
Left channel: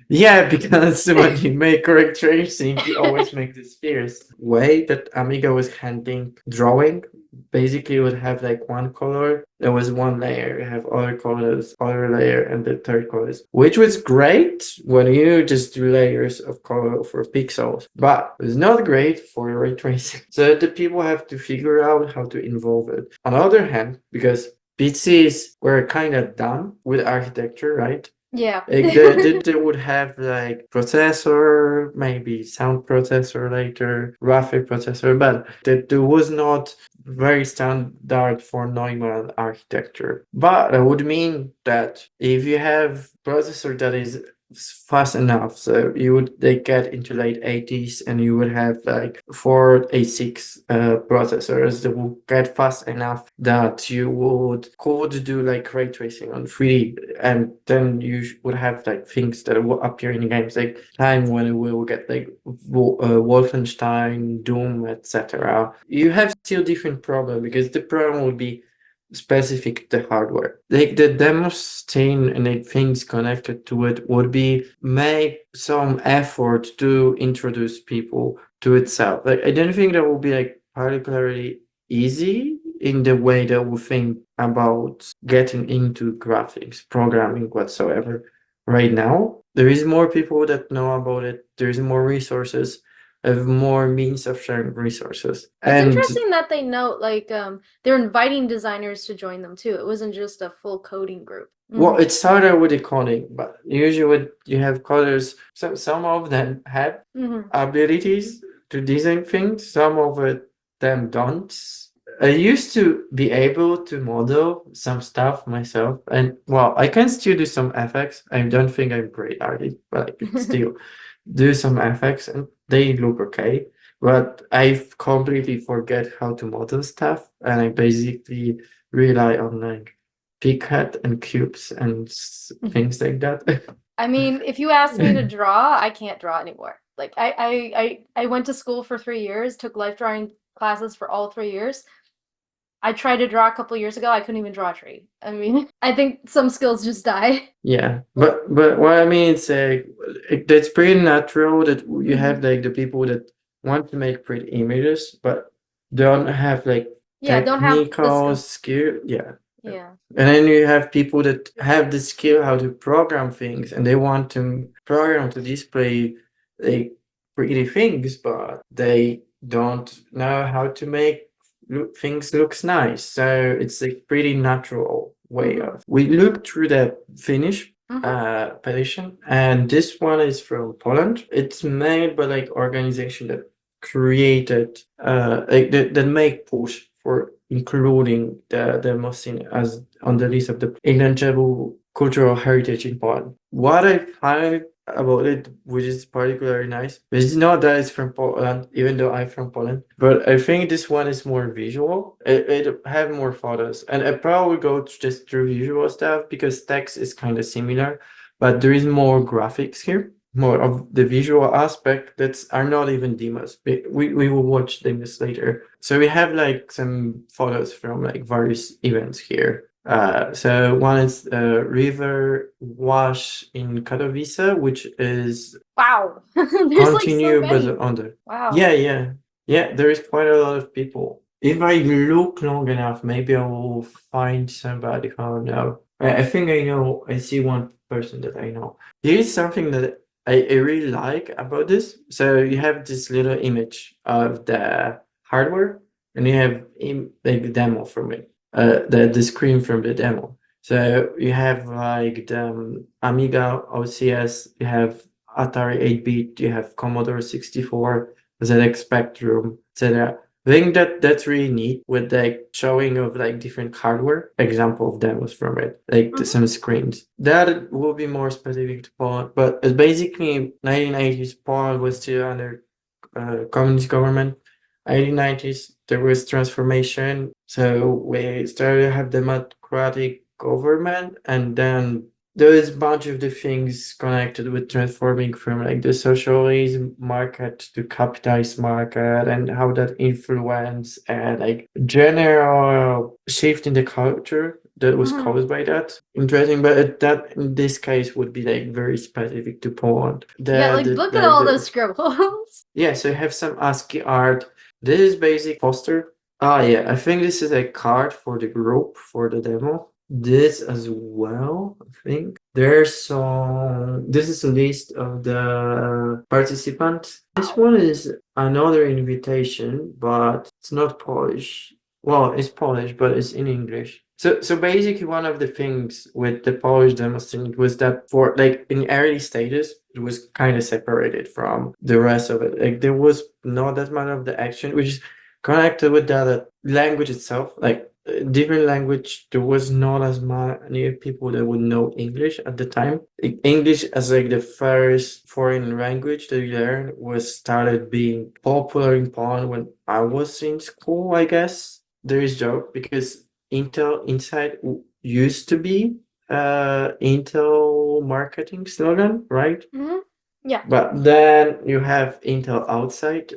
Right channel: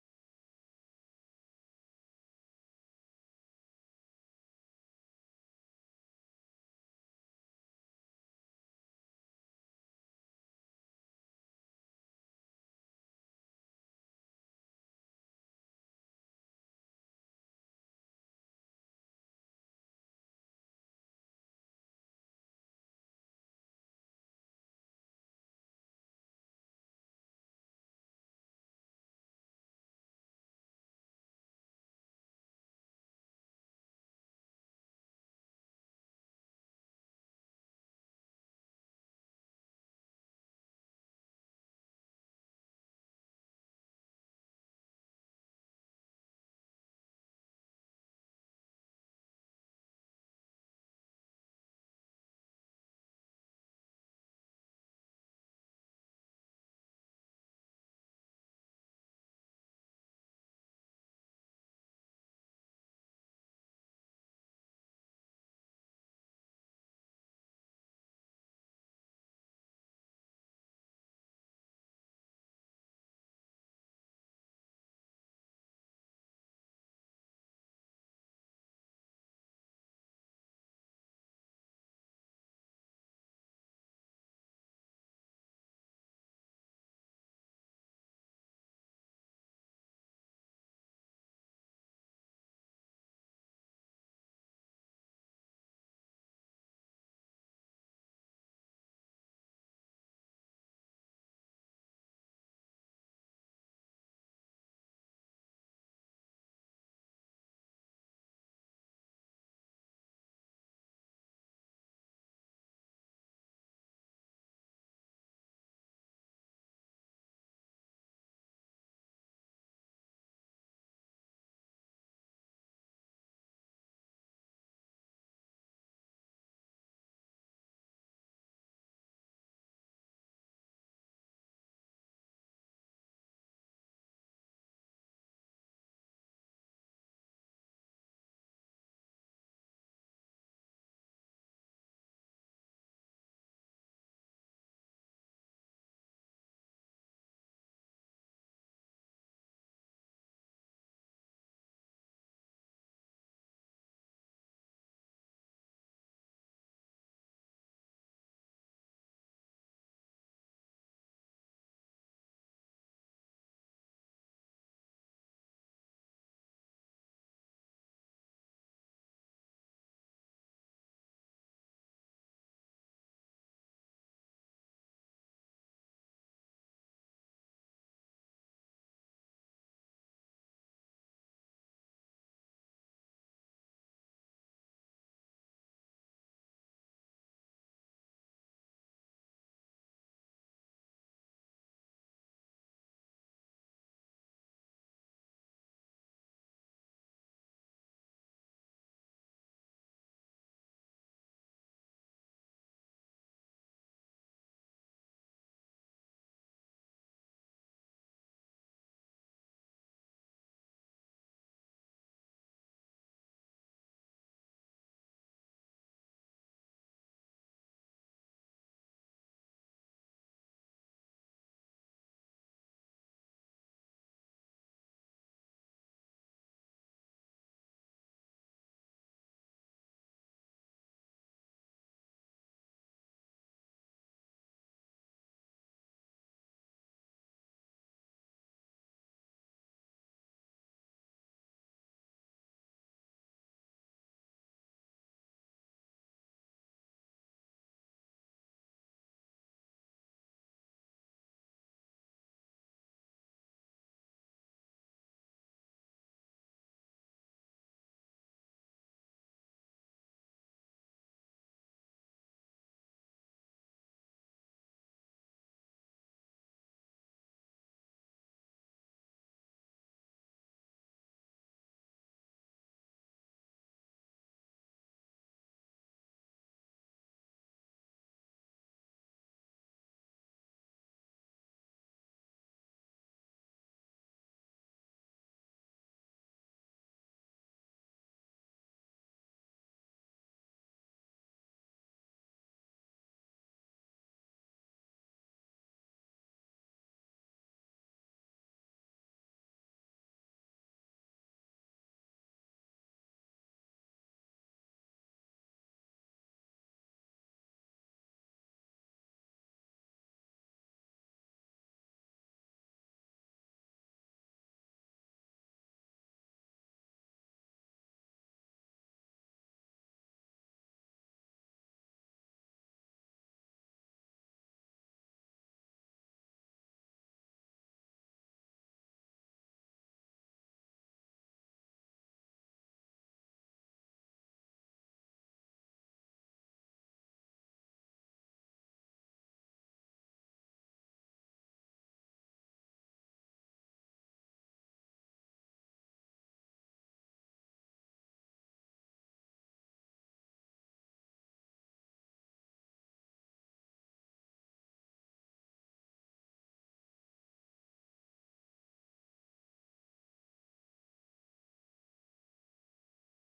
Yeah, because when you make ray tracing, you always make this fierce way that Amiga was handling drawing. Basically, you would have like one color, there was one layer, you have other colors, other layer, and the third colors, which was great when you just do layers of color for pixels, but it's not great for ray tracing. So the people have to figure out how to involve it. On the other hand, because PCs were kind of done with architecture, right? Yeah. Like they would have like processor, maybe sound processor later, graphic processor, but there was not very standard for Neumann architecture. But that would mean that if you have processor that is fast enough, so you would they get into late 80s and you would have like four A6 processors that will get fast enough that you would could do like ray tracing on 3D, and then you would have like things that will appear in games like time when we will get like Wolfenstein, Doom, etc. You have still different problem because the problem would be specific to hardware. Like the Demoscene and the things connected to it would be make some effort to introduce people to itself. Like I don't think that will be like particularly easy in the way that we think about getting into graphics, programming whatsoever. Right now, there is more people that know about it. There is more resources, have more means of sharing resources, It's and interesting that they note like they're inviting designers to join them too. It wasn't just a full coding group. well, it started with the coding, but usually when you have coders, some of them have Mm-hmm. abilities to design things, some of them don't. I used to be able to model some stuff myself, and well, I can still do some effects. I don't think I'm great at it, but I can still do some effects, and they look okay. But I completely forget how to model stuff, and I basically rely on like picad and cubes and things like that. I mean, if you ask me to draw, I can't draw anymore. Like I went to school for 3 years, took life drawing classes for all 3 years. I tried to draw a couple years ago. I couldn't even draw a tree. I mean, I think some skills just die. Yeah, but what I mean it's that's pretty natural that you Hmm. have like the people that want to make pretty images but don't have like Yeah, don't have the technical skill. skill. Yeah. Yeah. And then you have people that have the skill how to program things and they want to program to display like pretty things, but they don't know how to make things looks nice. So it's a pretty natural way Hmm. of. We looked through the Finnish Hmm. petition, and this one is from Poland. It's made by like organization that created like that make push for including the Demoscene as on the list of the intangible cultural heritage in Poland. What I find about it, which is particularly nice, it's not that it's from Poland, even though I'm from Poland, but I think this one is more visual. It have more photos, and I probably go just through visual stuff because text is kind of similar, but there is more graphics here, more of the visual aspect that's are not even demos. We will watch demos later. So we have like some photos from like various events here. So one is river wash in Katowice, which is Wow. There's like so continue but many. on the Wow. yeah, there is quite a lot of people. If I look long enough, maybe I will find somebody who I know. I think I know. I see one person that I know. Here's something that I really like about this. So you have this little image of the hardware, and you have like demo from it. The screen from the demo. So you have like the Amiga OCS. You have Atari 8-bit, you have Commodore 64, ZX Spectrum, etc. I think that that's really neat with like showing of like different hardware example of demos from it, like Hmm. some screens. That will be more specific to Poland, but it's basically 1980s Poland was still under communist government. 1890s there was transformation, so we started to have democratic government, and then there is a bunch of the things connected with transforming from like the socialism market to capitalist market and how that influence and like general shift in the culture that was Mhm. caused by that. Interesting, but that in this case would be like very specific to Poland. Yeah, like look at all those scribbles. Yeah, so you have some ASCII art. This is basic poster. Ah, yeah, I think this is a card for the group for the demo. This as well, I think. There's some. This is a list of the participants. This one is another invitation, but it's not Polish. Well, it's Polish, but it's in English. So basically, one of the things with the Polish Demoscene was that for like in early stages, it was kind of separated from the rest of it. Like there was not that much of the action, which is connected with the language itself. Like different language, there was not as many people that would know English at the time. English as like the first foreign language that you learn was started being popular in Poland when I was in school, I guess. There is joke because Intel Inside used to be Intel marketing slogan, right? Hmm. Yeah. But then you have Intel Outside.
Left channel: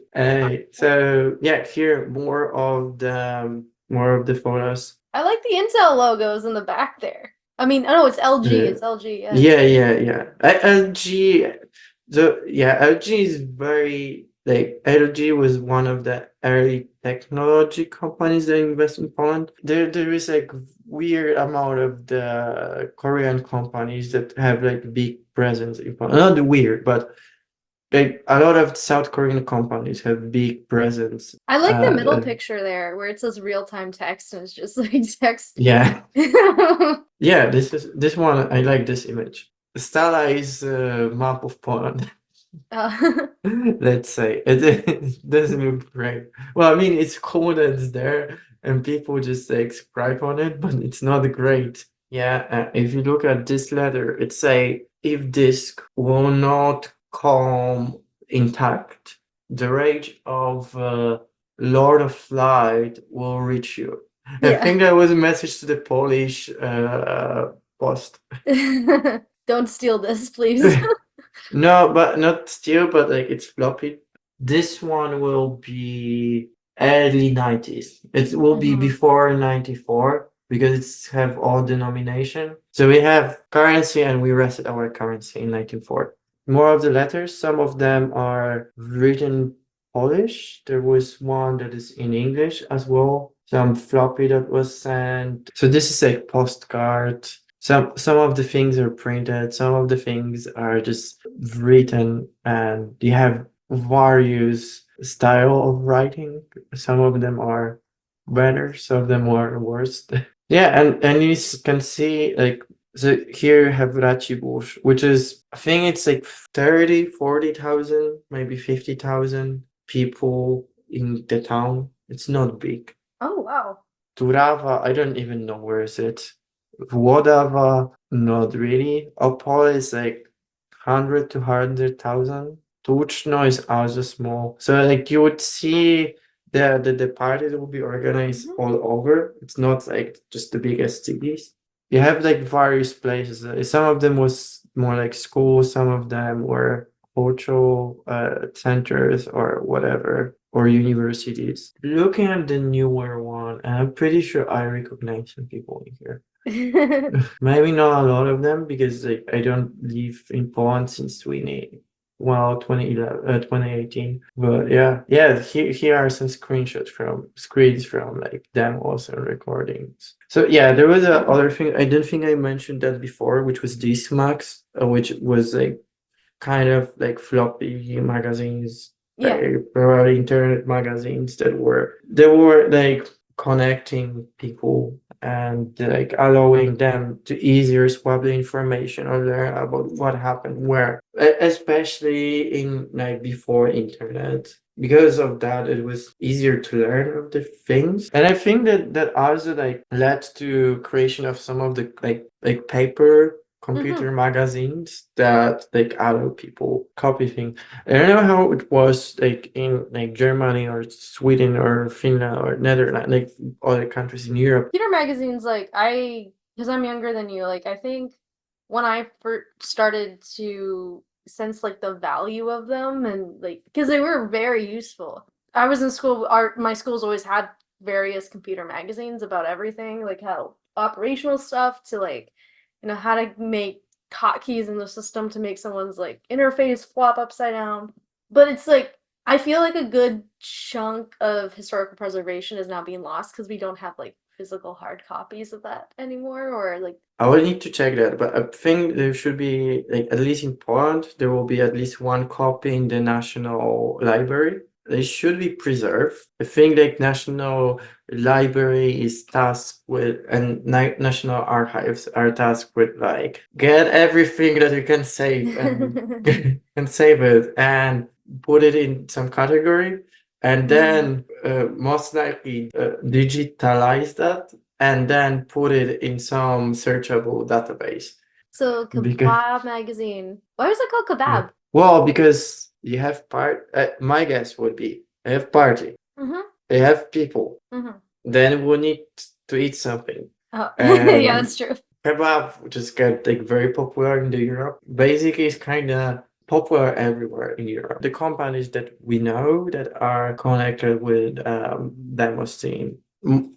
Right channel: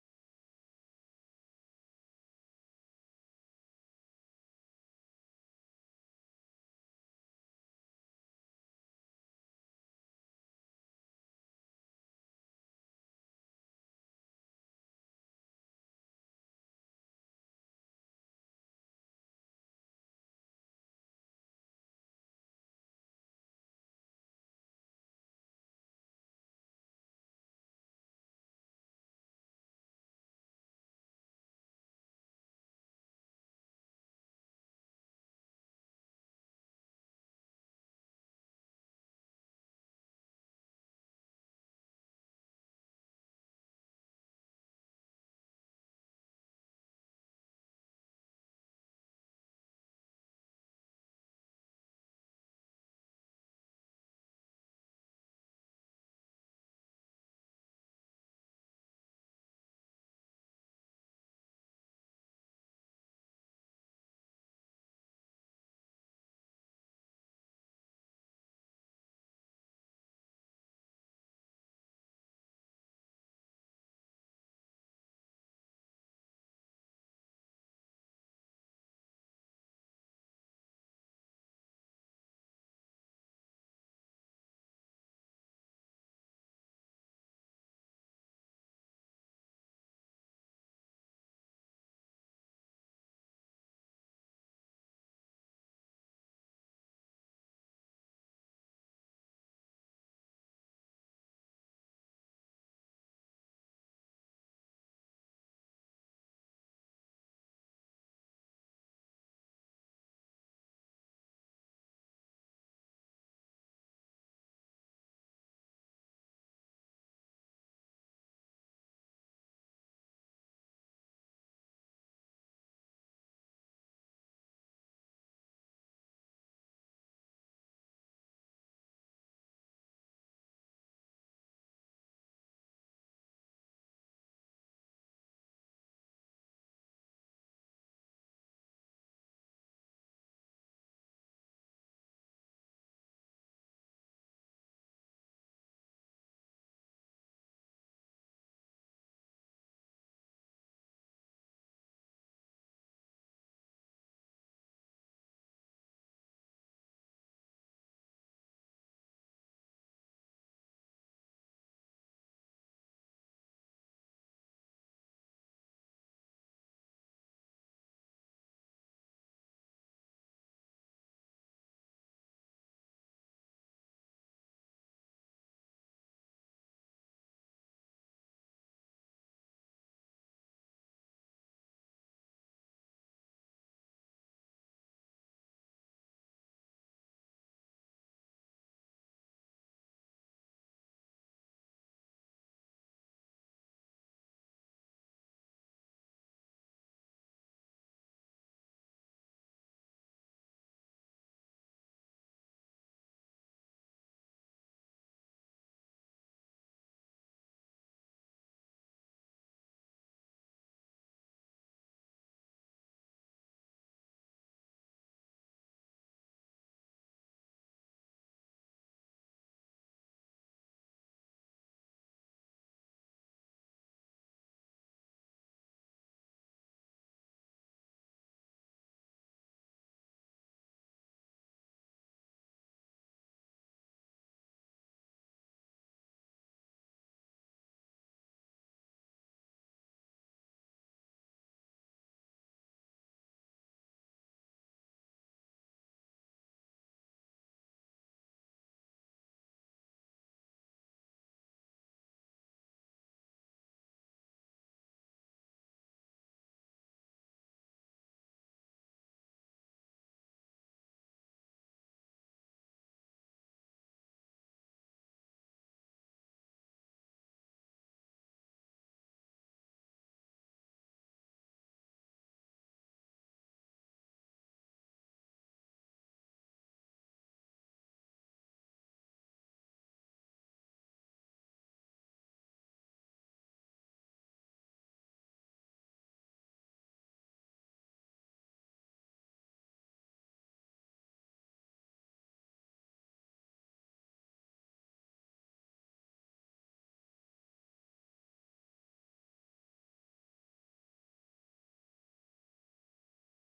So yeah, here more of the photos. I like the Intel logos in the back there. I mean, oh no, it's LG. Uh, It's LG. Yeah. yeah. LG, LG is very like LG was one of the early technology companies that invest in Poland. There is like weird amount of the Korean companies that have like big presence in Poland. Not weird, but like a lot of South Korean companies have big presence. I like the middle picture there where it says real time text and it's just like text. Yeah, yeah. This one. I like this image. Stala is a map of Poland. uh, Let's say it doesn't look great. Well, I mean, it's cool that it's there and people just like subscribe on it, but it's not great. Yeah, if you look at this letter, it say if disk will not come intact, the rage of Lord of Light will reach you. I yeah. think that was a message to the Polish post. Don't steal this, please. No, but not still, but like it's floppy. This one will be early 90s. It will be Mhm. before 94 because it's have all denomination. So we have currency and we reset our currency in 1904. More of the letters, some of them are written Polish. There was one that is in English as well. Some floppy that was sent. So this is a postcard. Some of the things are printed, some of the things are just written, and you have various style of writing. Some of them are better, some of them are worse. Yeah, and you can see like so here you have Racibórz, which is I think it's like 30, 40,000, maybe 50,000 people in the town. It's not big. Oh wow. Turava, I don't even know where is it. Wodava, not really. Opole is like 100 to 100,000. Tuchno is also small. So like you would see the parties will be organized Mhm. all over. It's not like just the biggest cities. You have like various places. Some of them was more like schools, some of them were cultural centers or whatever, or universities. Looking at the newer one, and I'm pretty sure I recognize some people in here. Maybe not a lot of them because like I don't live in Poland since 2018. But yeah, here are some screens from like demos and recordings. So yeah, there was a other thing I don't think I mentioned that before, which was Dismax, which was like kind of like floppy magazines, Yeah. like probably internet magazines that were like connecting people and like allowing them to easier swap the information or learn about what happened where, especially in like before internet. Because of that, it was easier to learn of the things, and I think that also like led to creation of some of the like paper Hmm. computer magazines that like allow people copy things. I don't know how it was like in like Germany or Sweden or Finland or Netherlands, like other countries in Europe. Computer magazines, like because I'm younger than you, like I think when I first started to sense like the value of them and like because they were very useful. I was in school, my schools always had various computer magazines about everything, like how operational stuff to like, how to make hotkeys in the system to make someone's like interface flop upside down. But it's like I feel like a good chunk of historical preservation is now being lost because we don't have like physical hard copies of that anymore, or like. I will need to check that, but I think there should be, like, at least in Poland, there will be at least one copy in the National Library. They should be preserved. I think like National Library is tasked with, and National Archives are tasked with like get everything that you can save and and save it and put it in some category, and Mm. then most likely digitalize that and then put it in some searchable database. So Because Kebab magazine. Why is it called yeah. Kebab? Well, because you have my guess would be I have party, Mm-hmm. they have people, Mm-hmm. then we need to eat something. Oh, yeah, And that's true. kebab just got like very popular in the Europe. Basically, it's kind of popular everywhere in Europe. The companies that we know that are connected with Demoscene,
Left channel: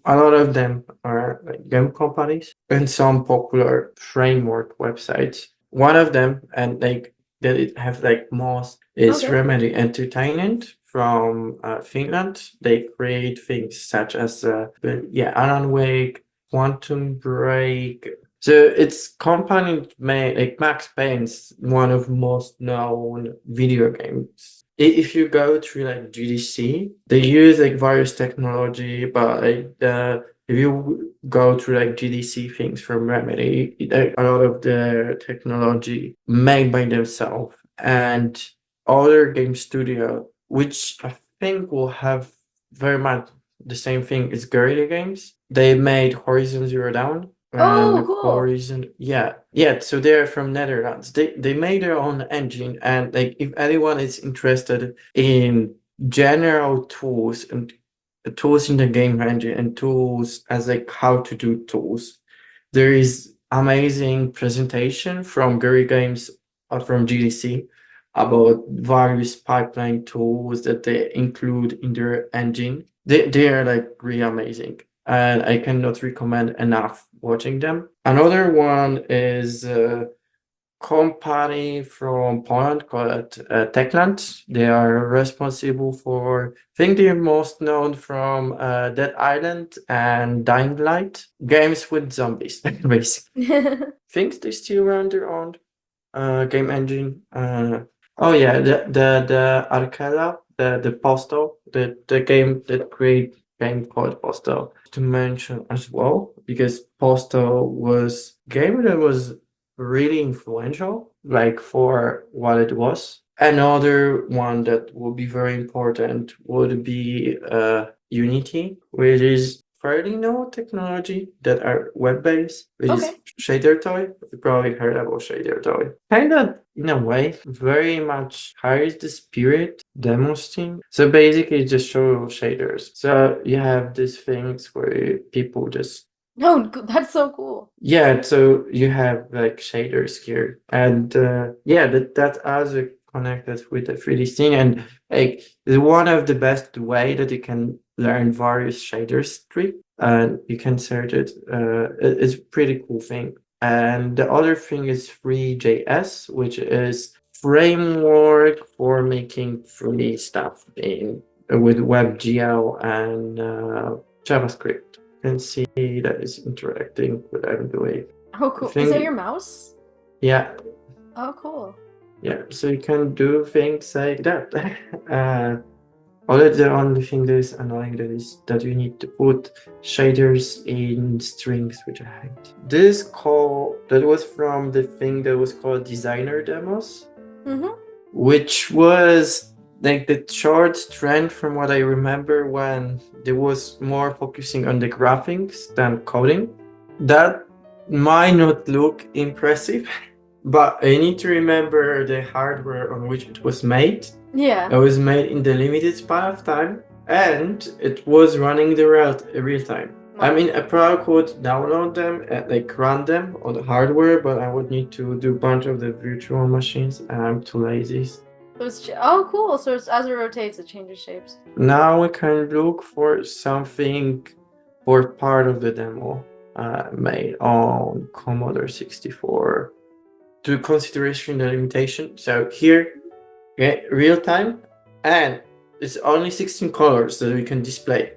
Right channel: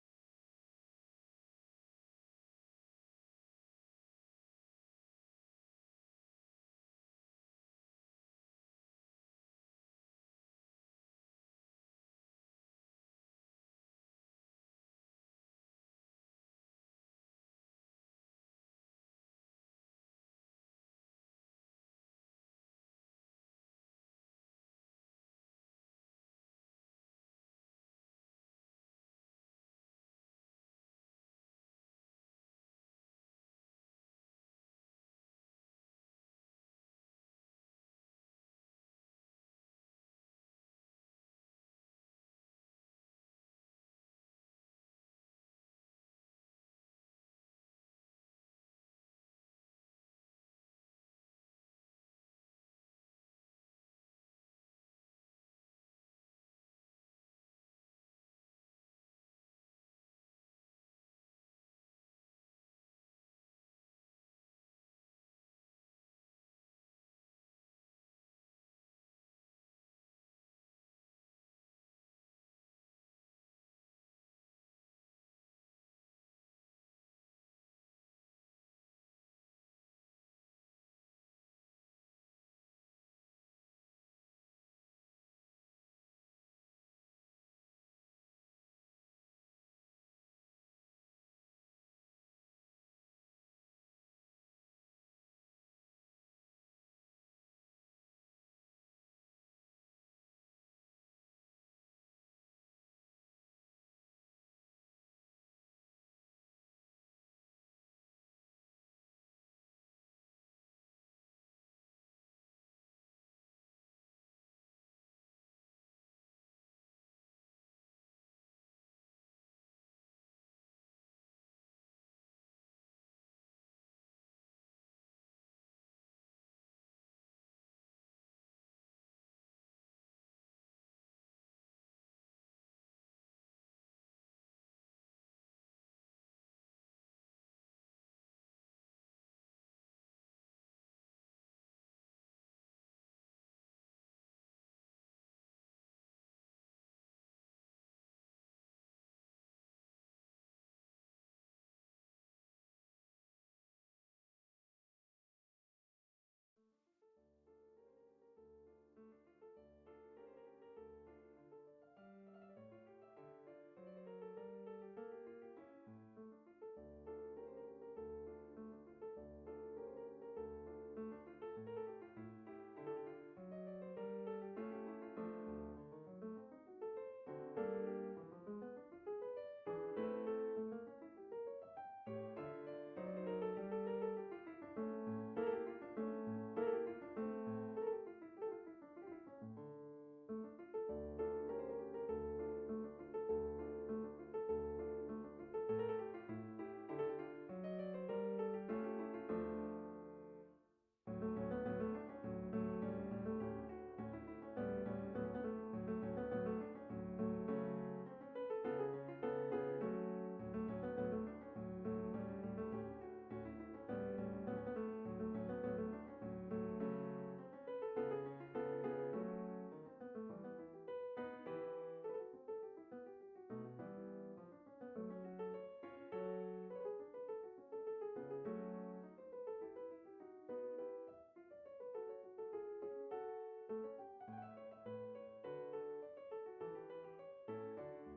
a lot of them are like game companies and some popular framework websites. One of them, and like that it have like most, is Okay. Remedy Entertainment from Finland. They create things such as Alan Wake, Quantum Break. So it's company made like Max Payne's one of most known video games. If you go through like GDC, they use like various technology, but like if you go through like GDC things from Remedy, a lot of the technology made by themselves and other game studio, which I think will have very much the same thing as Guerrilla Games. They made Horizon Zero Dawn and Oh, cool. Horizon, yeah. So they're from Netherlands. They made their own engine, and like if anyone is interested in general tools and tools in the game engine and tools as like how to do tools, there is amazing presentation from Gary Games from GDC about various pipeline tools that they include in their engine. They are like really amazing, and I cannot recommend enough watching them. Another one is company from Poland called Techland. They are responsible for, I think they're most known from Dead Island and Dying Light, games with zombies, basically. Think they still run their own game engine. Oh yeah, the Arcella, the Postal, the game that create game called Postal to mention as well, because Postal was game that was really influential, like for what it was. Another one that will be very important would be Unity, which is fairly new technology that are web-based, which is Okay. shader toy. You probably heard about shader toy. Kind of, in a way, very much carries the spirit Demoscene. So basically, just show shaders. So you have these things where people just Oh, that's so cool. yeah, so you have like shaders here, and yeah, that also connected with the 3D scene, and like it's one of the best way that you can learn various shaders trick, and you can search it. It's a pretty cool thing. And the other thing is Free.js, which is framework for making 3D stuff in with WebGL and JavaScript. Can see that is interacting with what I'm doing. Oh, I cool. Is that your think, mouse? yeah, Oh, cool. yeah. So you can do things like that. Other the only thing that is annoying that is that you need to put shaders in strings, which I hate. This call that was from the thing that was called designer demos, Mm-hmm. which was like the short trend from what I remember when there was more focusing on the graphics than coding. That might not look impressive, but I need to remember the hardware on which it was made. Yeah. It was made in the limited span of time, and it was running the real time. I Wow. mean, I probably could download them and like run them on the hardware, but I would need to do a bunch of the virtual machines, and I'm too lazy. So oh, cool. So as it rotates, it changes shapes. Now we can look for something for part of the demo. made on Commodore 64 to consideration the limitation. So here, real time, and it's only 16 colors that we can display.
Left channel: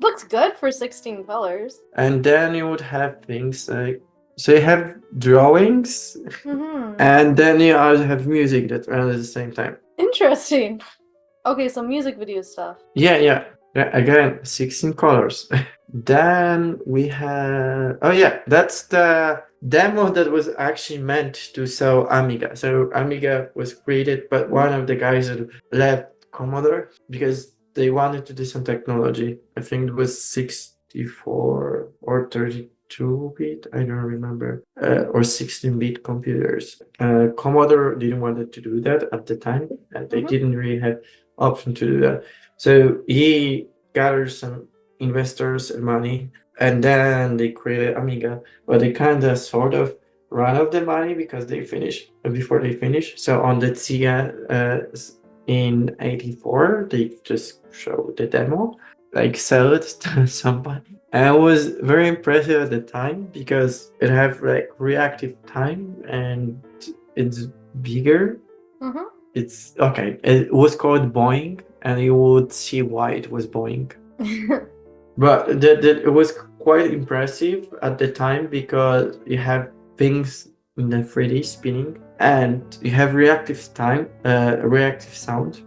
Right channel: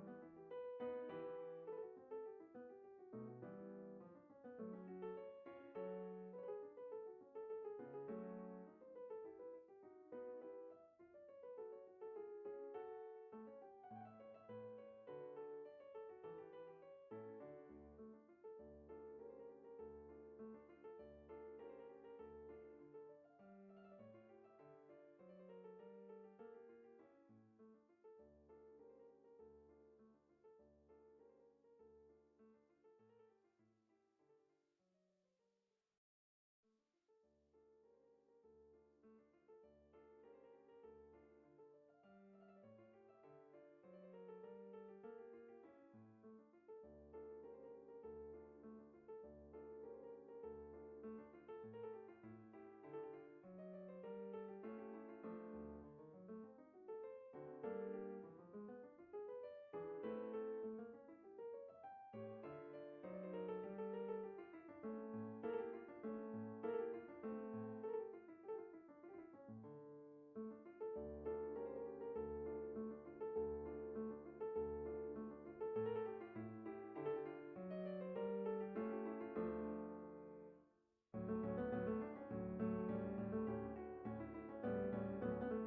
Looks good for 16 colors. And then you would have things like, so you have drawings, and then you also have music that runs at the same time. Interesting. Okay, so music video stuff. Yeah. Again, 16 colors. Then we have, oh yeah, that's the demo that was actually meant to sell Amiga. So Amiga was created, but one of the guys that left Commodore because they wanted to do some technology. I think it was 64 or 32-bit, I don't remember, or 16-bit computers. Commodore didn't want to do that at the time, and they didn't really have option to do that. So he gathered some investors and money, and then they created Amiga, but they kind of sort of run out of the money because they finished before they finished. So on the TIA in '84, they just showed the demo, like sell it to somebody. And it was very impressive at the time because it had like reactive time and it's bigger. It's okay. It was called Boeing, and you would see why it was Boeing. But it was quite impressive at the time because you have things in the 3D spinning, and you have reactive time, reactive sound,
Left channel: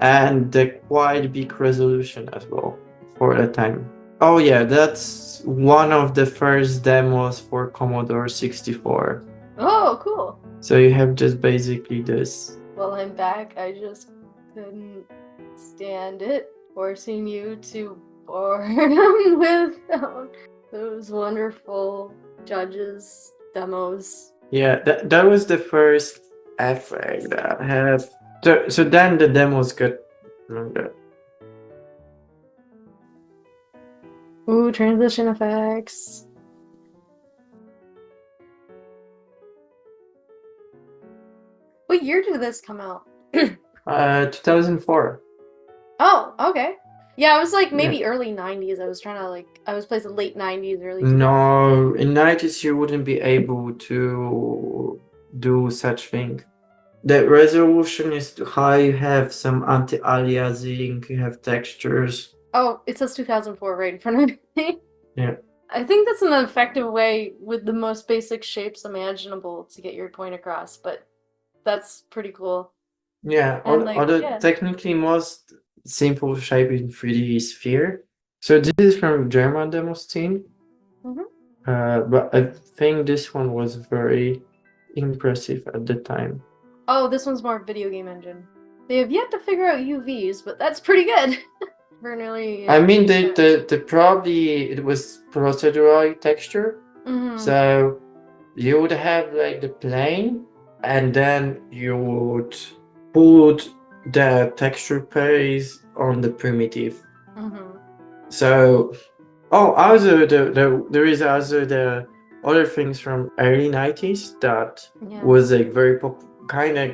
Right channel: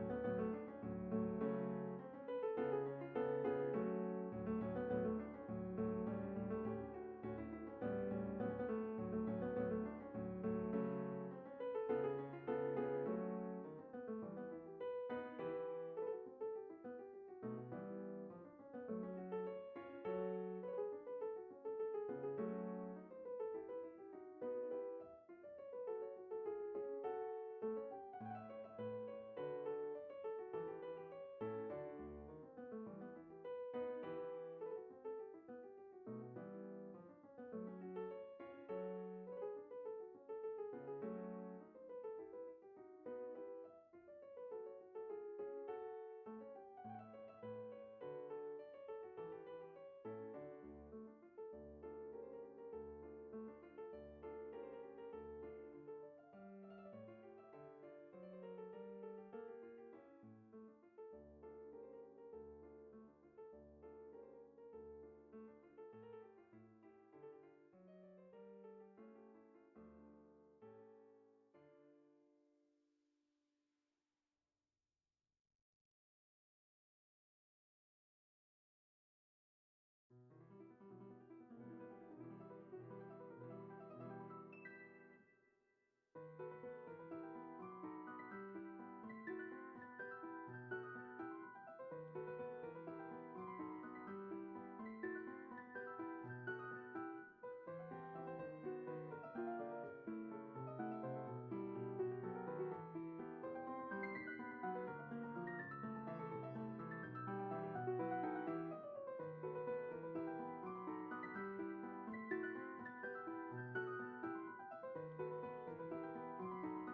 and the quite big resolution as well for that time. Oh yeah, that's one of the first demos for Commodore 64. Oh, cool. So you have just basically this. Well, I'm back. I just couldn't stand it, forcing you to boredom with those wonderful judges demos. Yeah, that was the first effect that I have. So then the demos got longer. Ooh, transition effects. What year did this come out? 2004. Oh, okay. Yeah, I was like maybe early 90s. I was trying to I was placing late 90s, early 2000s. No, in 90s you wouldn't be able to do such thing. The resolution is too high, you have some anti-aliasing, you have textures. Oh, it says 2004 right in front of me. Yeah. I think that's an effective way with the most basic shapes imaginable to get your point across, but that's pretty cool. Yeah, And technically most simple shape in 3D is sphere. So this is from German Demoscene. But I think this one was very impressive at the time. Oh, this one's more video game engine. They have yet to figure out UVs, but that's pretty good. I mean, the probably it was procedural texture. So you would have like the plane, and then you would put the texture paste on the primitive. So, also there is also the other things from early 90s that was like very kind of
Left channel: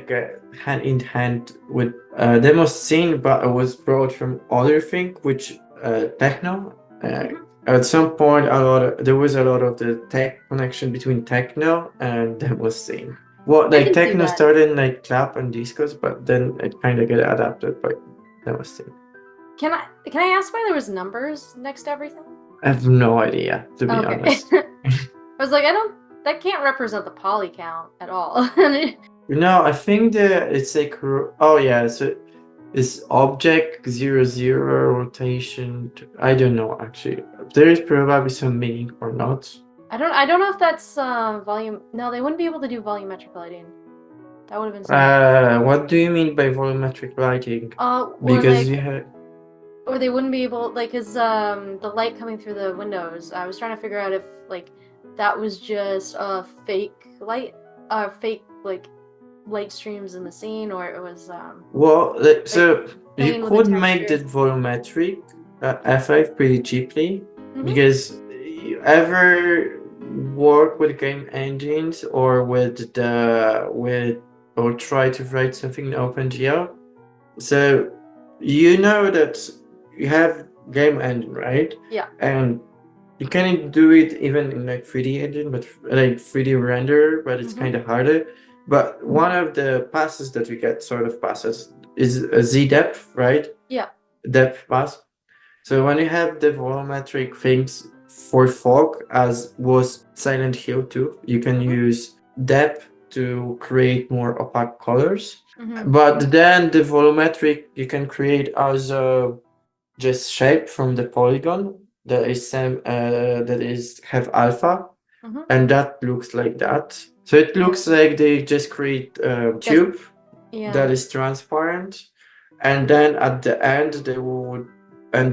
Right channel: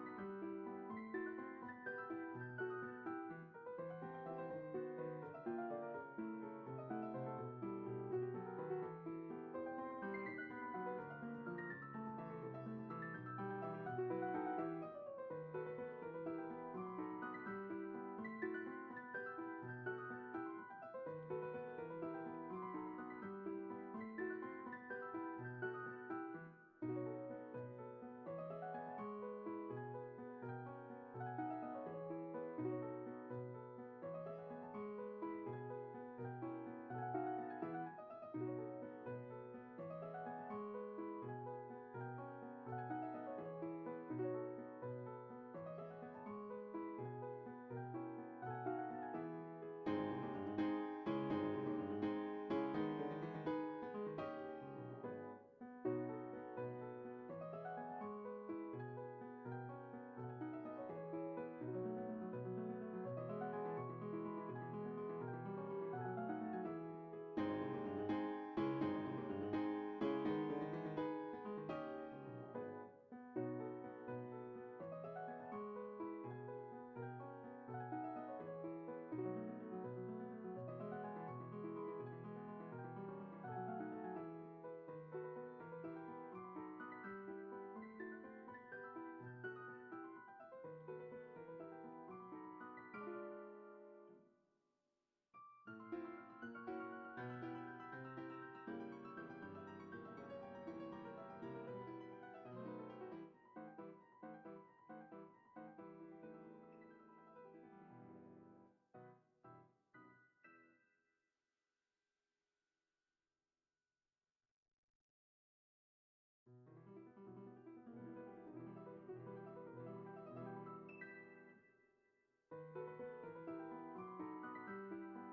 hand in hand with Demoscene, but it was brought from other thing, which techno. At some point, there was a lot of the tech connection between techno and Demoscene. Well, like techno started in like clap and discos, but then it kind of got adapted by Demoscene. Can I ask why there was numbers next to everything? I have no idea, to be honest. I was like, that can't represent the poly count at all. No, I think that it's like, oh yeah, so it's object 00 rotation. I don't know actually. There is probably some meaning or not. I don't know if that's volume. No, they wouldn't be able to do volumetric lighting. That would have been something. What do you mean by volumetric lighting? Because you have. Or they wouldn't be able, cause the light coming through the windows. I was trying to figure out if that was just a fake light, fake light streams in the scene, or it was well, so you could make the volumetric effect pretty cheaply, because you ever work with game engines or or try to write something in OpenGL, so you know that you have game engine, right? Yeah. And You can do it even in like 3D engine, but like 3D render, but it's kind of harder. But one of the passes that we get, sort of passes, is a Z depth, right? Yeah. Depth pass. So when you have the volumetric things for fog, as was Silent Hill 2, you can use depth to create more opaque colors. But then the volumetric you can create as a just shape from the polygon that is same that is have alpha, and that looks like that. So it looks like they just create a tube that is transparent, and then at the end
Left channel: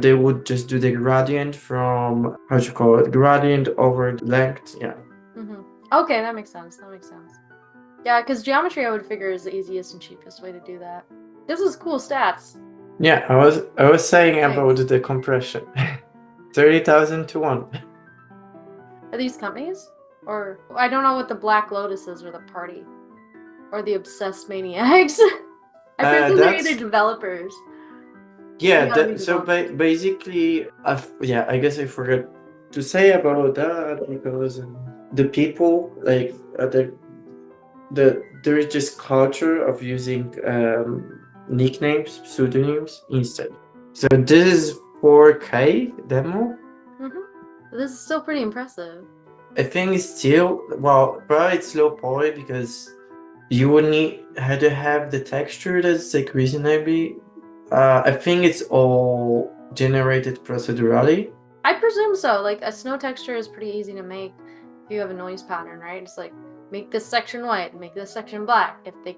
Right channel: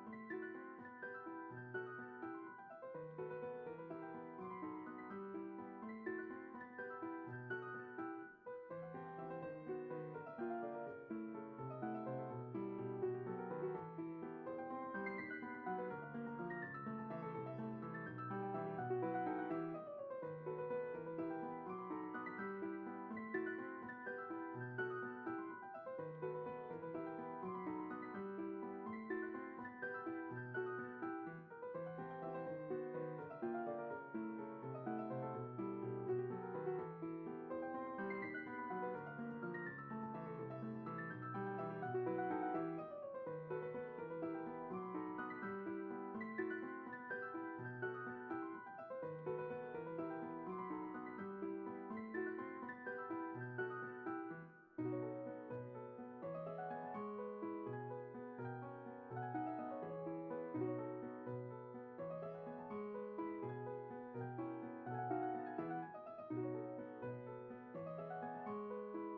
they would just do the gradient from, how do you call it, gradient over the length. Yeah. Okay, that makes sense. That makes sense. Yeah, because geometry I would figure is the easiest and cheapest way to do that. This is cool stats. Yeah, I was saying Nice. about the compression. 30,000 to 1. Are these companies? Or I don't know what the Black Lotus is or the party. Or the Obsessed Maniacs. I presume they're either That's developers. yeah. They gotta be So developers. basically, yeah, I guess I forgot to say about that because the people like there is just culture of using nicknames, pseudonyms instead. So this is 4K demo. This is still pretty impressive. I think it's still, well, probably it's low poly because you would had to have the texture that's like reasonably. I think it's all generated procedurally. I presume so. Like a snow texture is pretty easy to make if you have a noise pattern, right? It's like make this section white, make this section black. If they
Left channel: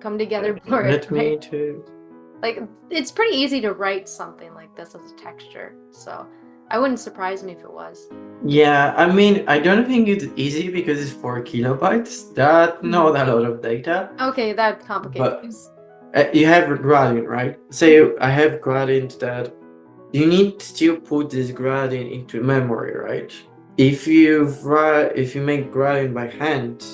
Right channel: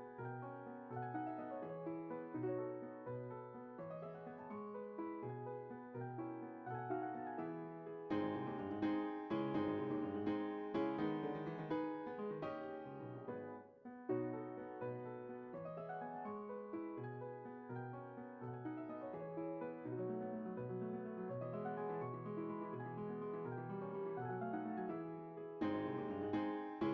come together, blur it. Let me to. Like it's pretty easy to write something like this as a texture. So I wouldn't surprise me if it was. Yeah, I mean, I don't think it's easy because it's 4 kilobytes. That's not a lot of data. Okay, that complicates. But you have gradient, right? Say I have gradient that you need to still put this gradient into memory, right? If you make gradient by hand,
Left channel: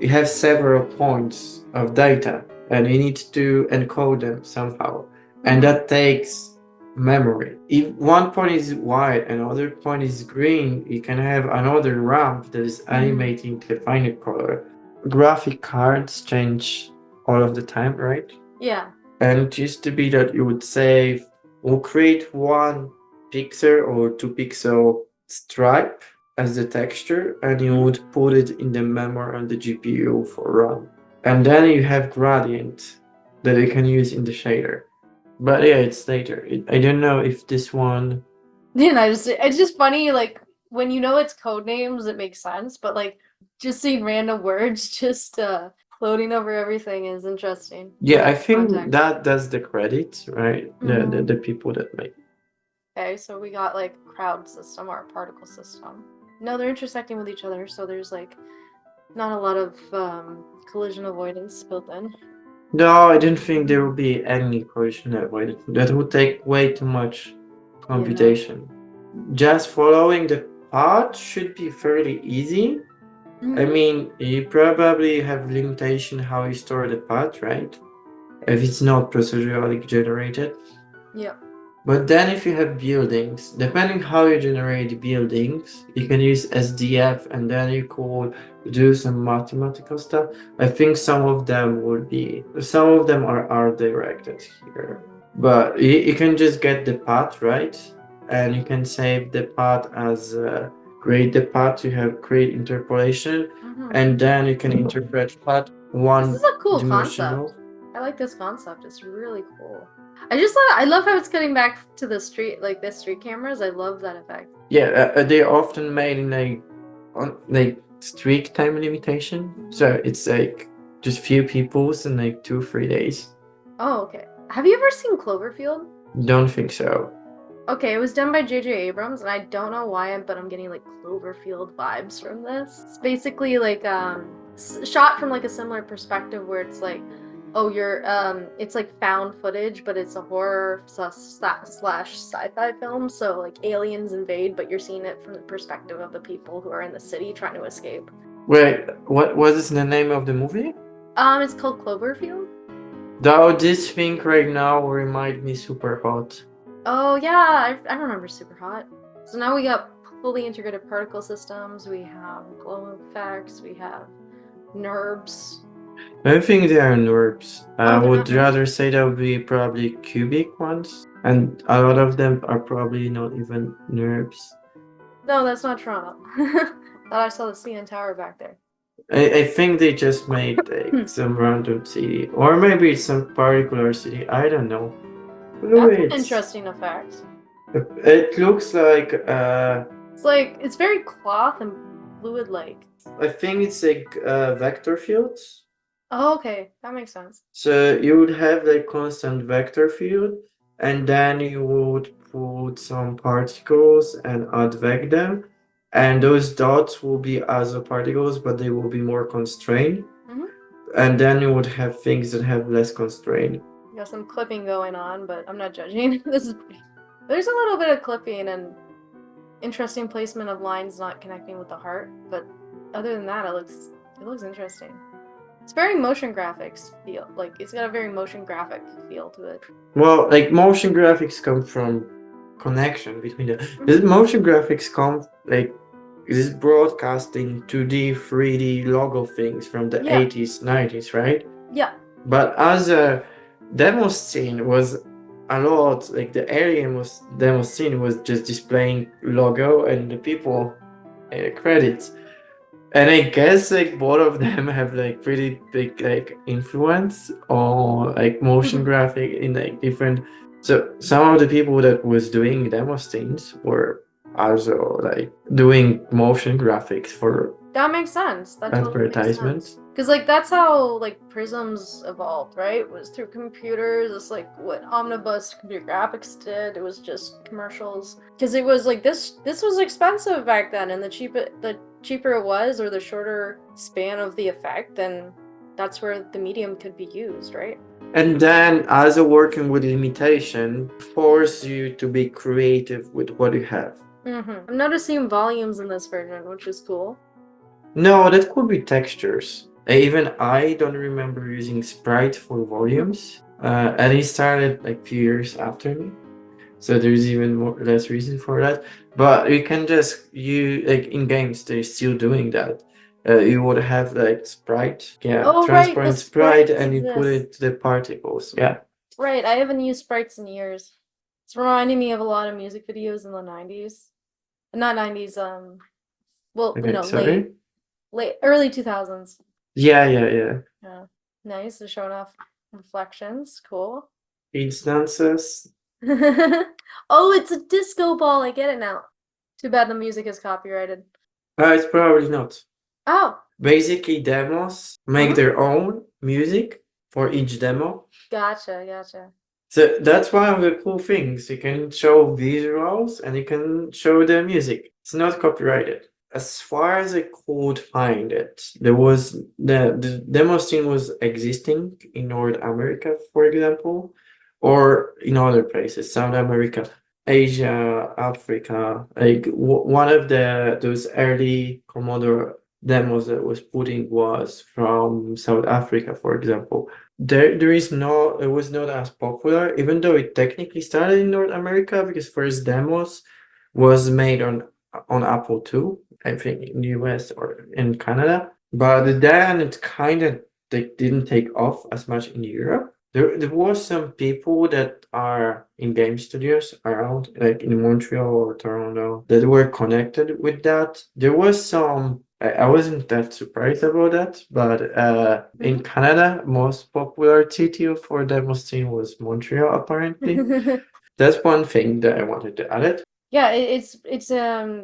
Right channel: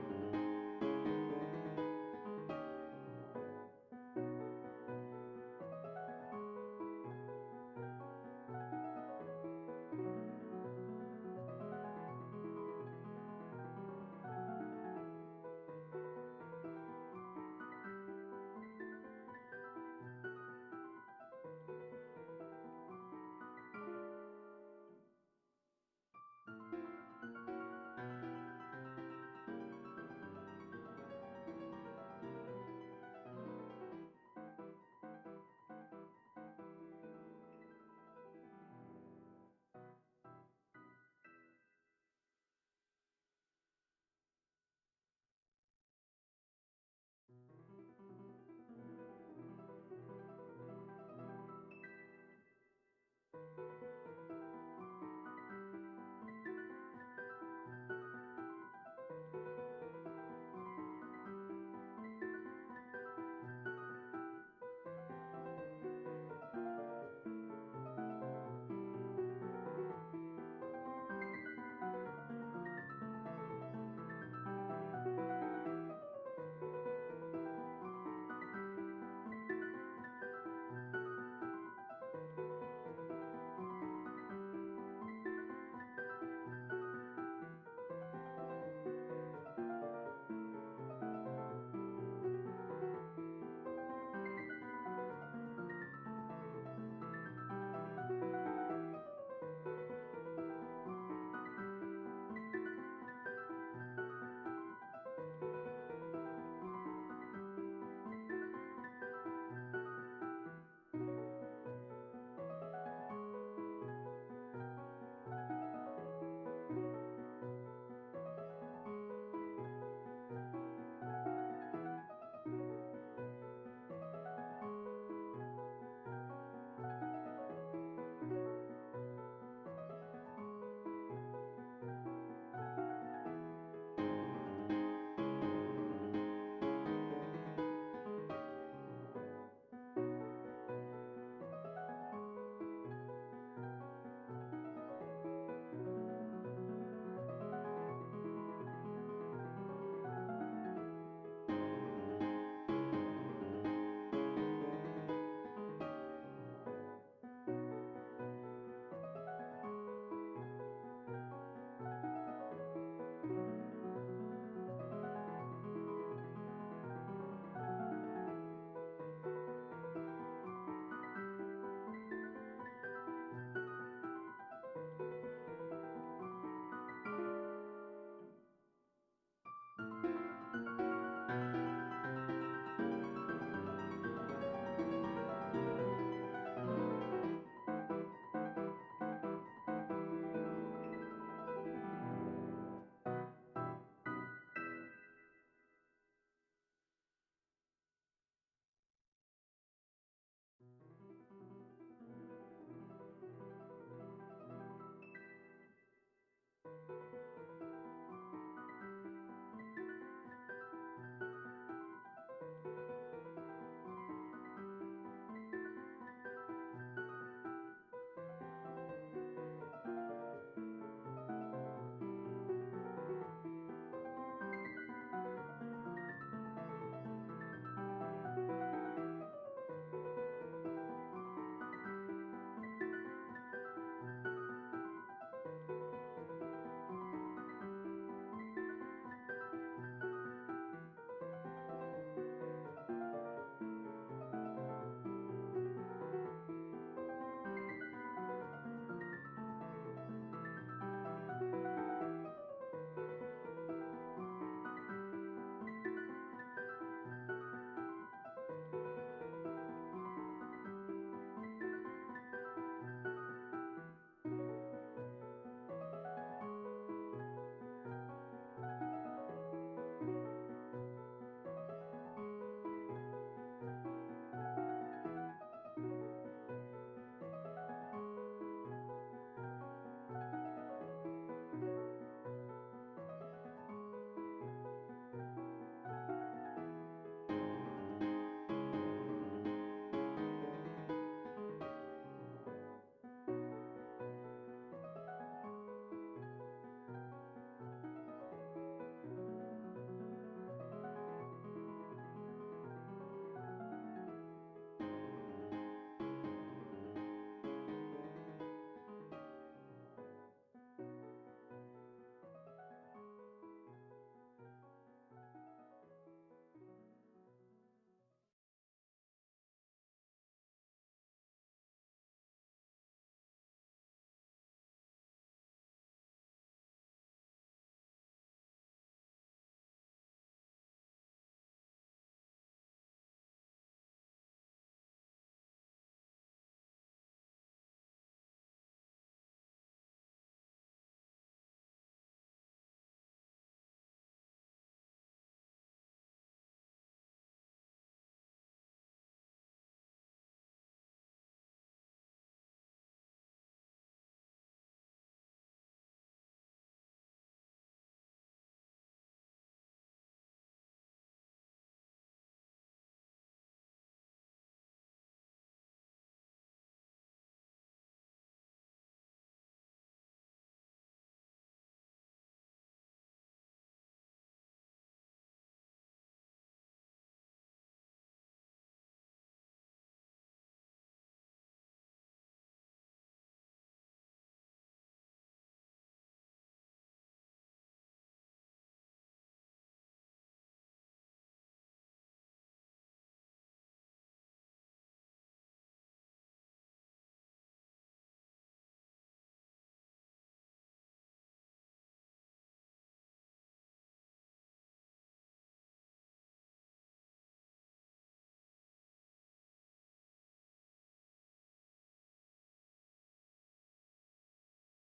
you have several points of data and you need to encode them somehow. And that takes memory. If one point is white and another point is green, you can have another ramp that is animating the final color. Graphic cards change all of the time, right? Yeah. And it used to be that you would save or create 1 pixel or 2 pixel stripe as the texture, and you would put it in the memory on the GPU for run. And then you have gradient that you can use in the shader. But yeah, it's later. I don't know if this one. Yeah, it's just funny, like when you know it's code names, it makes sense, but like just seeing random words just floating over everything is interesting. Yeah, I think Context. that's the credit, right? The people that make. Okay, so we got like crowd system or particle system. No, they're intersecting with each other, so there's like not a lot of collision avoidance built in. No, I didn't think there would be any collision avoided. That would take way too much computation. Just following the path should be fairly easy. I mean, you probably have limitation how you store the path, right? If it's not procedurally generated. Yep. But then if you have buildings, depending how you generate buildings, you can use SDF and then you could do some mathematical stuff. I think some of them are directed here. But you can just get the path, right? And you can save the path as create the path, you have create interpolation, and then you can interpret path one This is a cool dimensional. concept. I like this concept. It's really cool. I love how it's cutting back to the street, like the street cameras. I love that effect. Yeah, they're often made in like strict time limitation, so it's like just few peoples in like 2-3 days. Oh, okay. Have you ever seen Cloverfield? Don't think so. Okay, it was done by J.J. Abrams, and I don't know why, but I'm getting like Cloverfield vibes from this. It's basically like shot from like a similar perspective where it's like, oh, it's like found footage, but it's a horror slash sci-fi film. So like aliens invade, but you're seeing it from the perspective of the people who are in the city trying to escape. Wait, what is the name of the movie? It's called Cloverfield. Though this thing right now remind me super hot. Oh yeah, I remember Super Hot. So now we got fully integrated particle systems, we have glow effects, we have NURBS. I don't think they are NURBS. I Oh, they're would not NURBS. rather say that would be probably cubic ones, and a lot of them are probably not even NURBS. No, that's not Toronto. Thought I saw the CN Tower back there. I think they just made like some random city, or maybe it's some particular city. I don't know. That's an Fluids. interesting effect. It looks like It's like, it's very cloth and fluid-like. I think it's like vector fields. Oh, okay, that makes sense. So you would have like constant vector field, and then you would put some particles and advect them, and those dots will be also particles, but they will be more constrained. Mm-hmm. And then you would have things that have less constraint. Got some clipping going on, but I'm not judging. There's a little bit of clipping and interesting placement of lines not connecting with the heart, but other than that, it looks interesting. It's very motion graphics feel. Like it's got a very motion graphic feel to it. Well, like motion graphics come from connection between the motion graphics come like this broadcasting 2D, 3D logo things from the Yeah. 80s, 90s, right? Yeah. But as a Demoscene was a lot, like the alien was Demoscene was just displaying logo and the people credits. And I guess like both of them have like pretty big like influence on like motion graphic in like different. So some of the people that was doing demo scenes were also like doing motion graphics for That makes sense. That totally makes advertisements. sense. Because like that's how like Prisms evolved, right? It was through computers. It's like what Omnibus Computer Graphics did. It was just commercials. Because it was like this was expensive back then, and the cheaper it was, or the shorter span of the effect, then that's where the medium could be used, right? And then as a working with limitation, force you to be creative with what you have. I'm noticing volumes in this version, which is cool. No, that could be textures. Even I don't remember using Sprite for volumes. And he started like a few years after me. So there's even more less reason for that. But you can just like in games they're still doing that. You would have like Sprite, yeah, Oh, right, the transparent Sprite, sprites and you put exist. it to the particles. Yeah. Right, I haven't used sprites in years. It's reminding me of a lot of music videos in the 90s. Not 90s, well, Okay, no, sorry. early 2000s. Yeah, yeah, yeah. Yeah. Nice, they're showing off reflections. Cool. Instances. Oh, it's a disco ball. I get it now. Too bad the music is copyrighted. It's probably not. Oh, Basically, demos make their own music for each demo. gotcha. So that's one of the cool things. You can show visuals and you can show the music. It's not copyrighted. As far as I could find it, there was the demo scene was existing in North America, for example, or in other places, South America, Asia, Africa. Like one of those early Commodore demos that was putting was from South Africa, for example. There is no, it was not as popular, even though it technically started in North America because first demos was made on Apple II, I think in the US or in Canada. But then it kind of they didn't take off as much in Europe. There was some people that are in game studios around, like in Montreal or Toronto, that were connected with that. There was some. I wasn't that surprised about that, but in Canada, most popular city for Demoscene was Montreal, apparently. That's one thing that I wanted to add it. Yeah, it's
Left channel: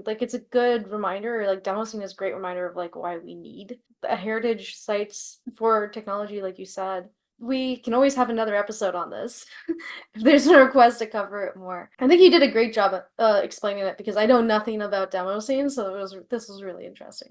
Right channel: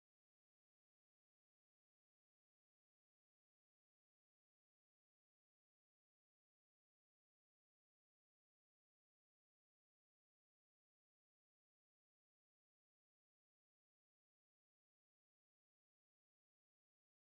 like it's a good reminder. Like Demoscene is a great reminder of like why we need heritage sites for technology, like you said. We can always have another episode on this if there's a request to cover it more. I think you did a great job at explaining it because I know nothing about Demoscene, so this was really interesting.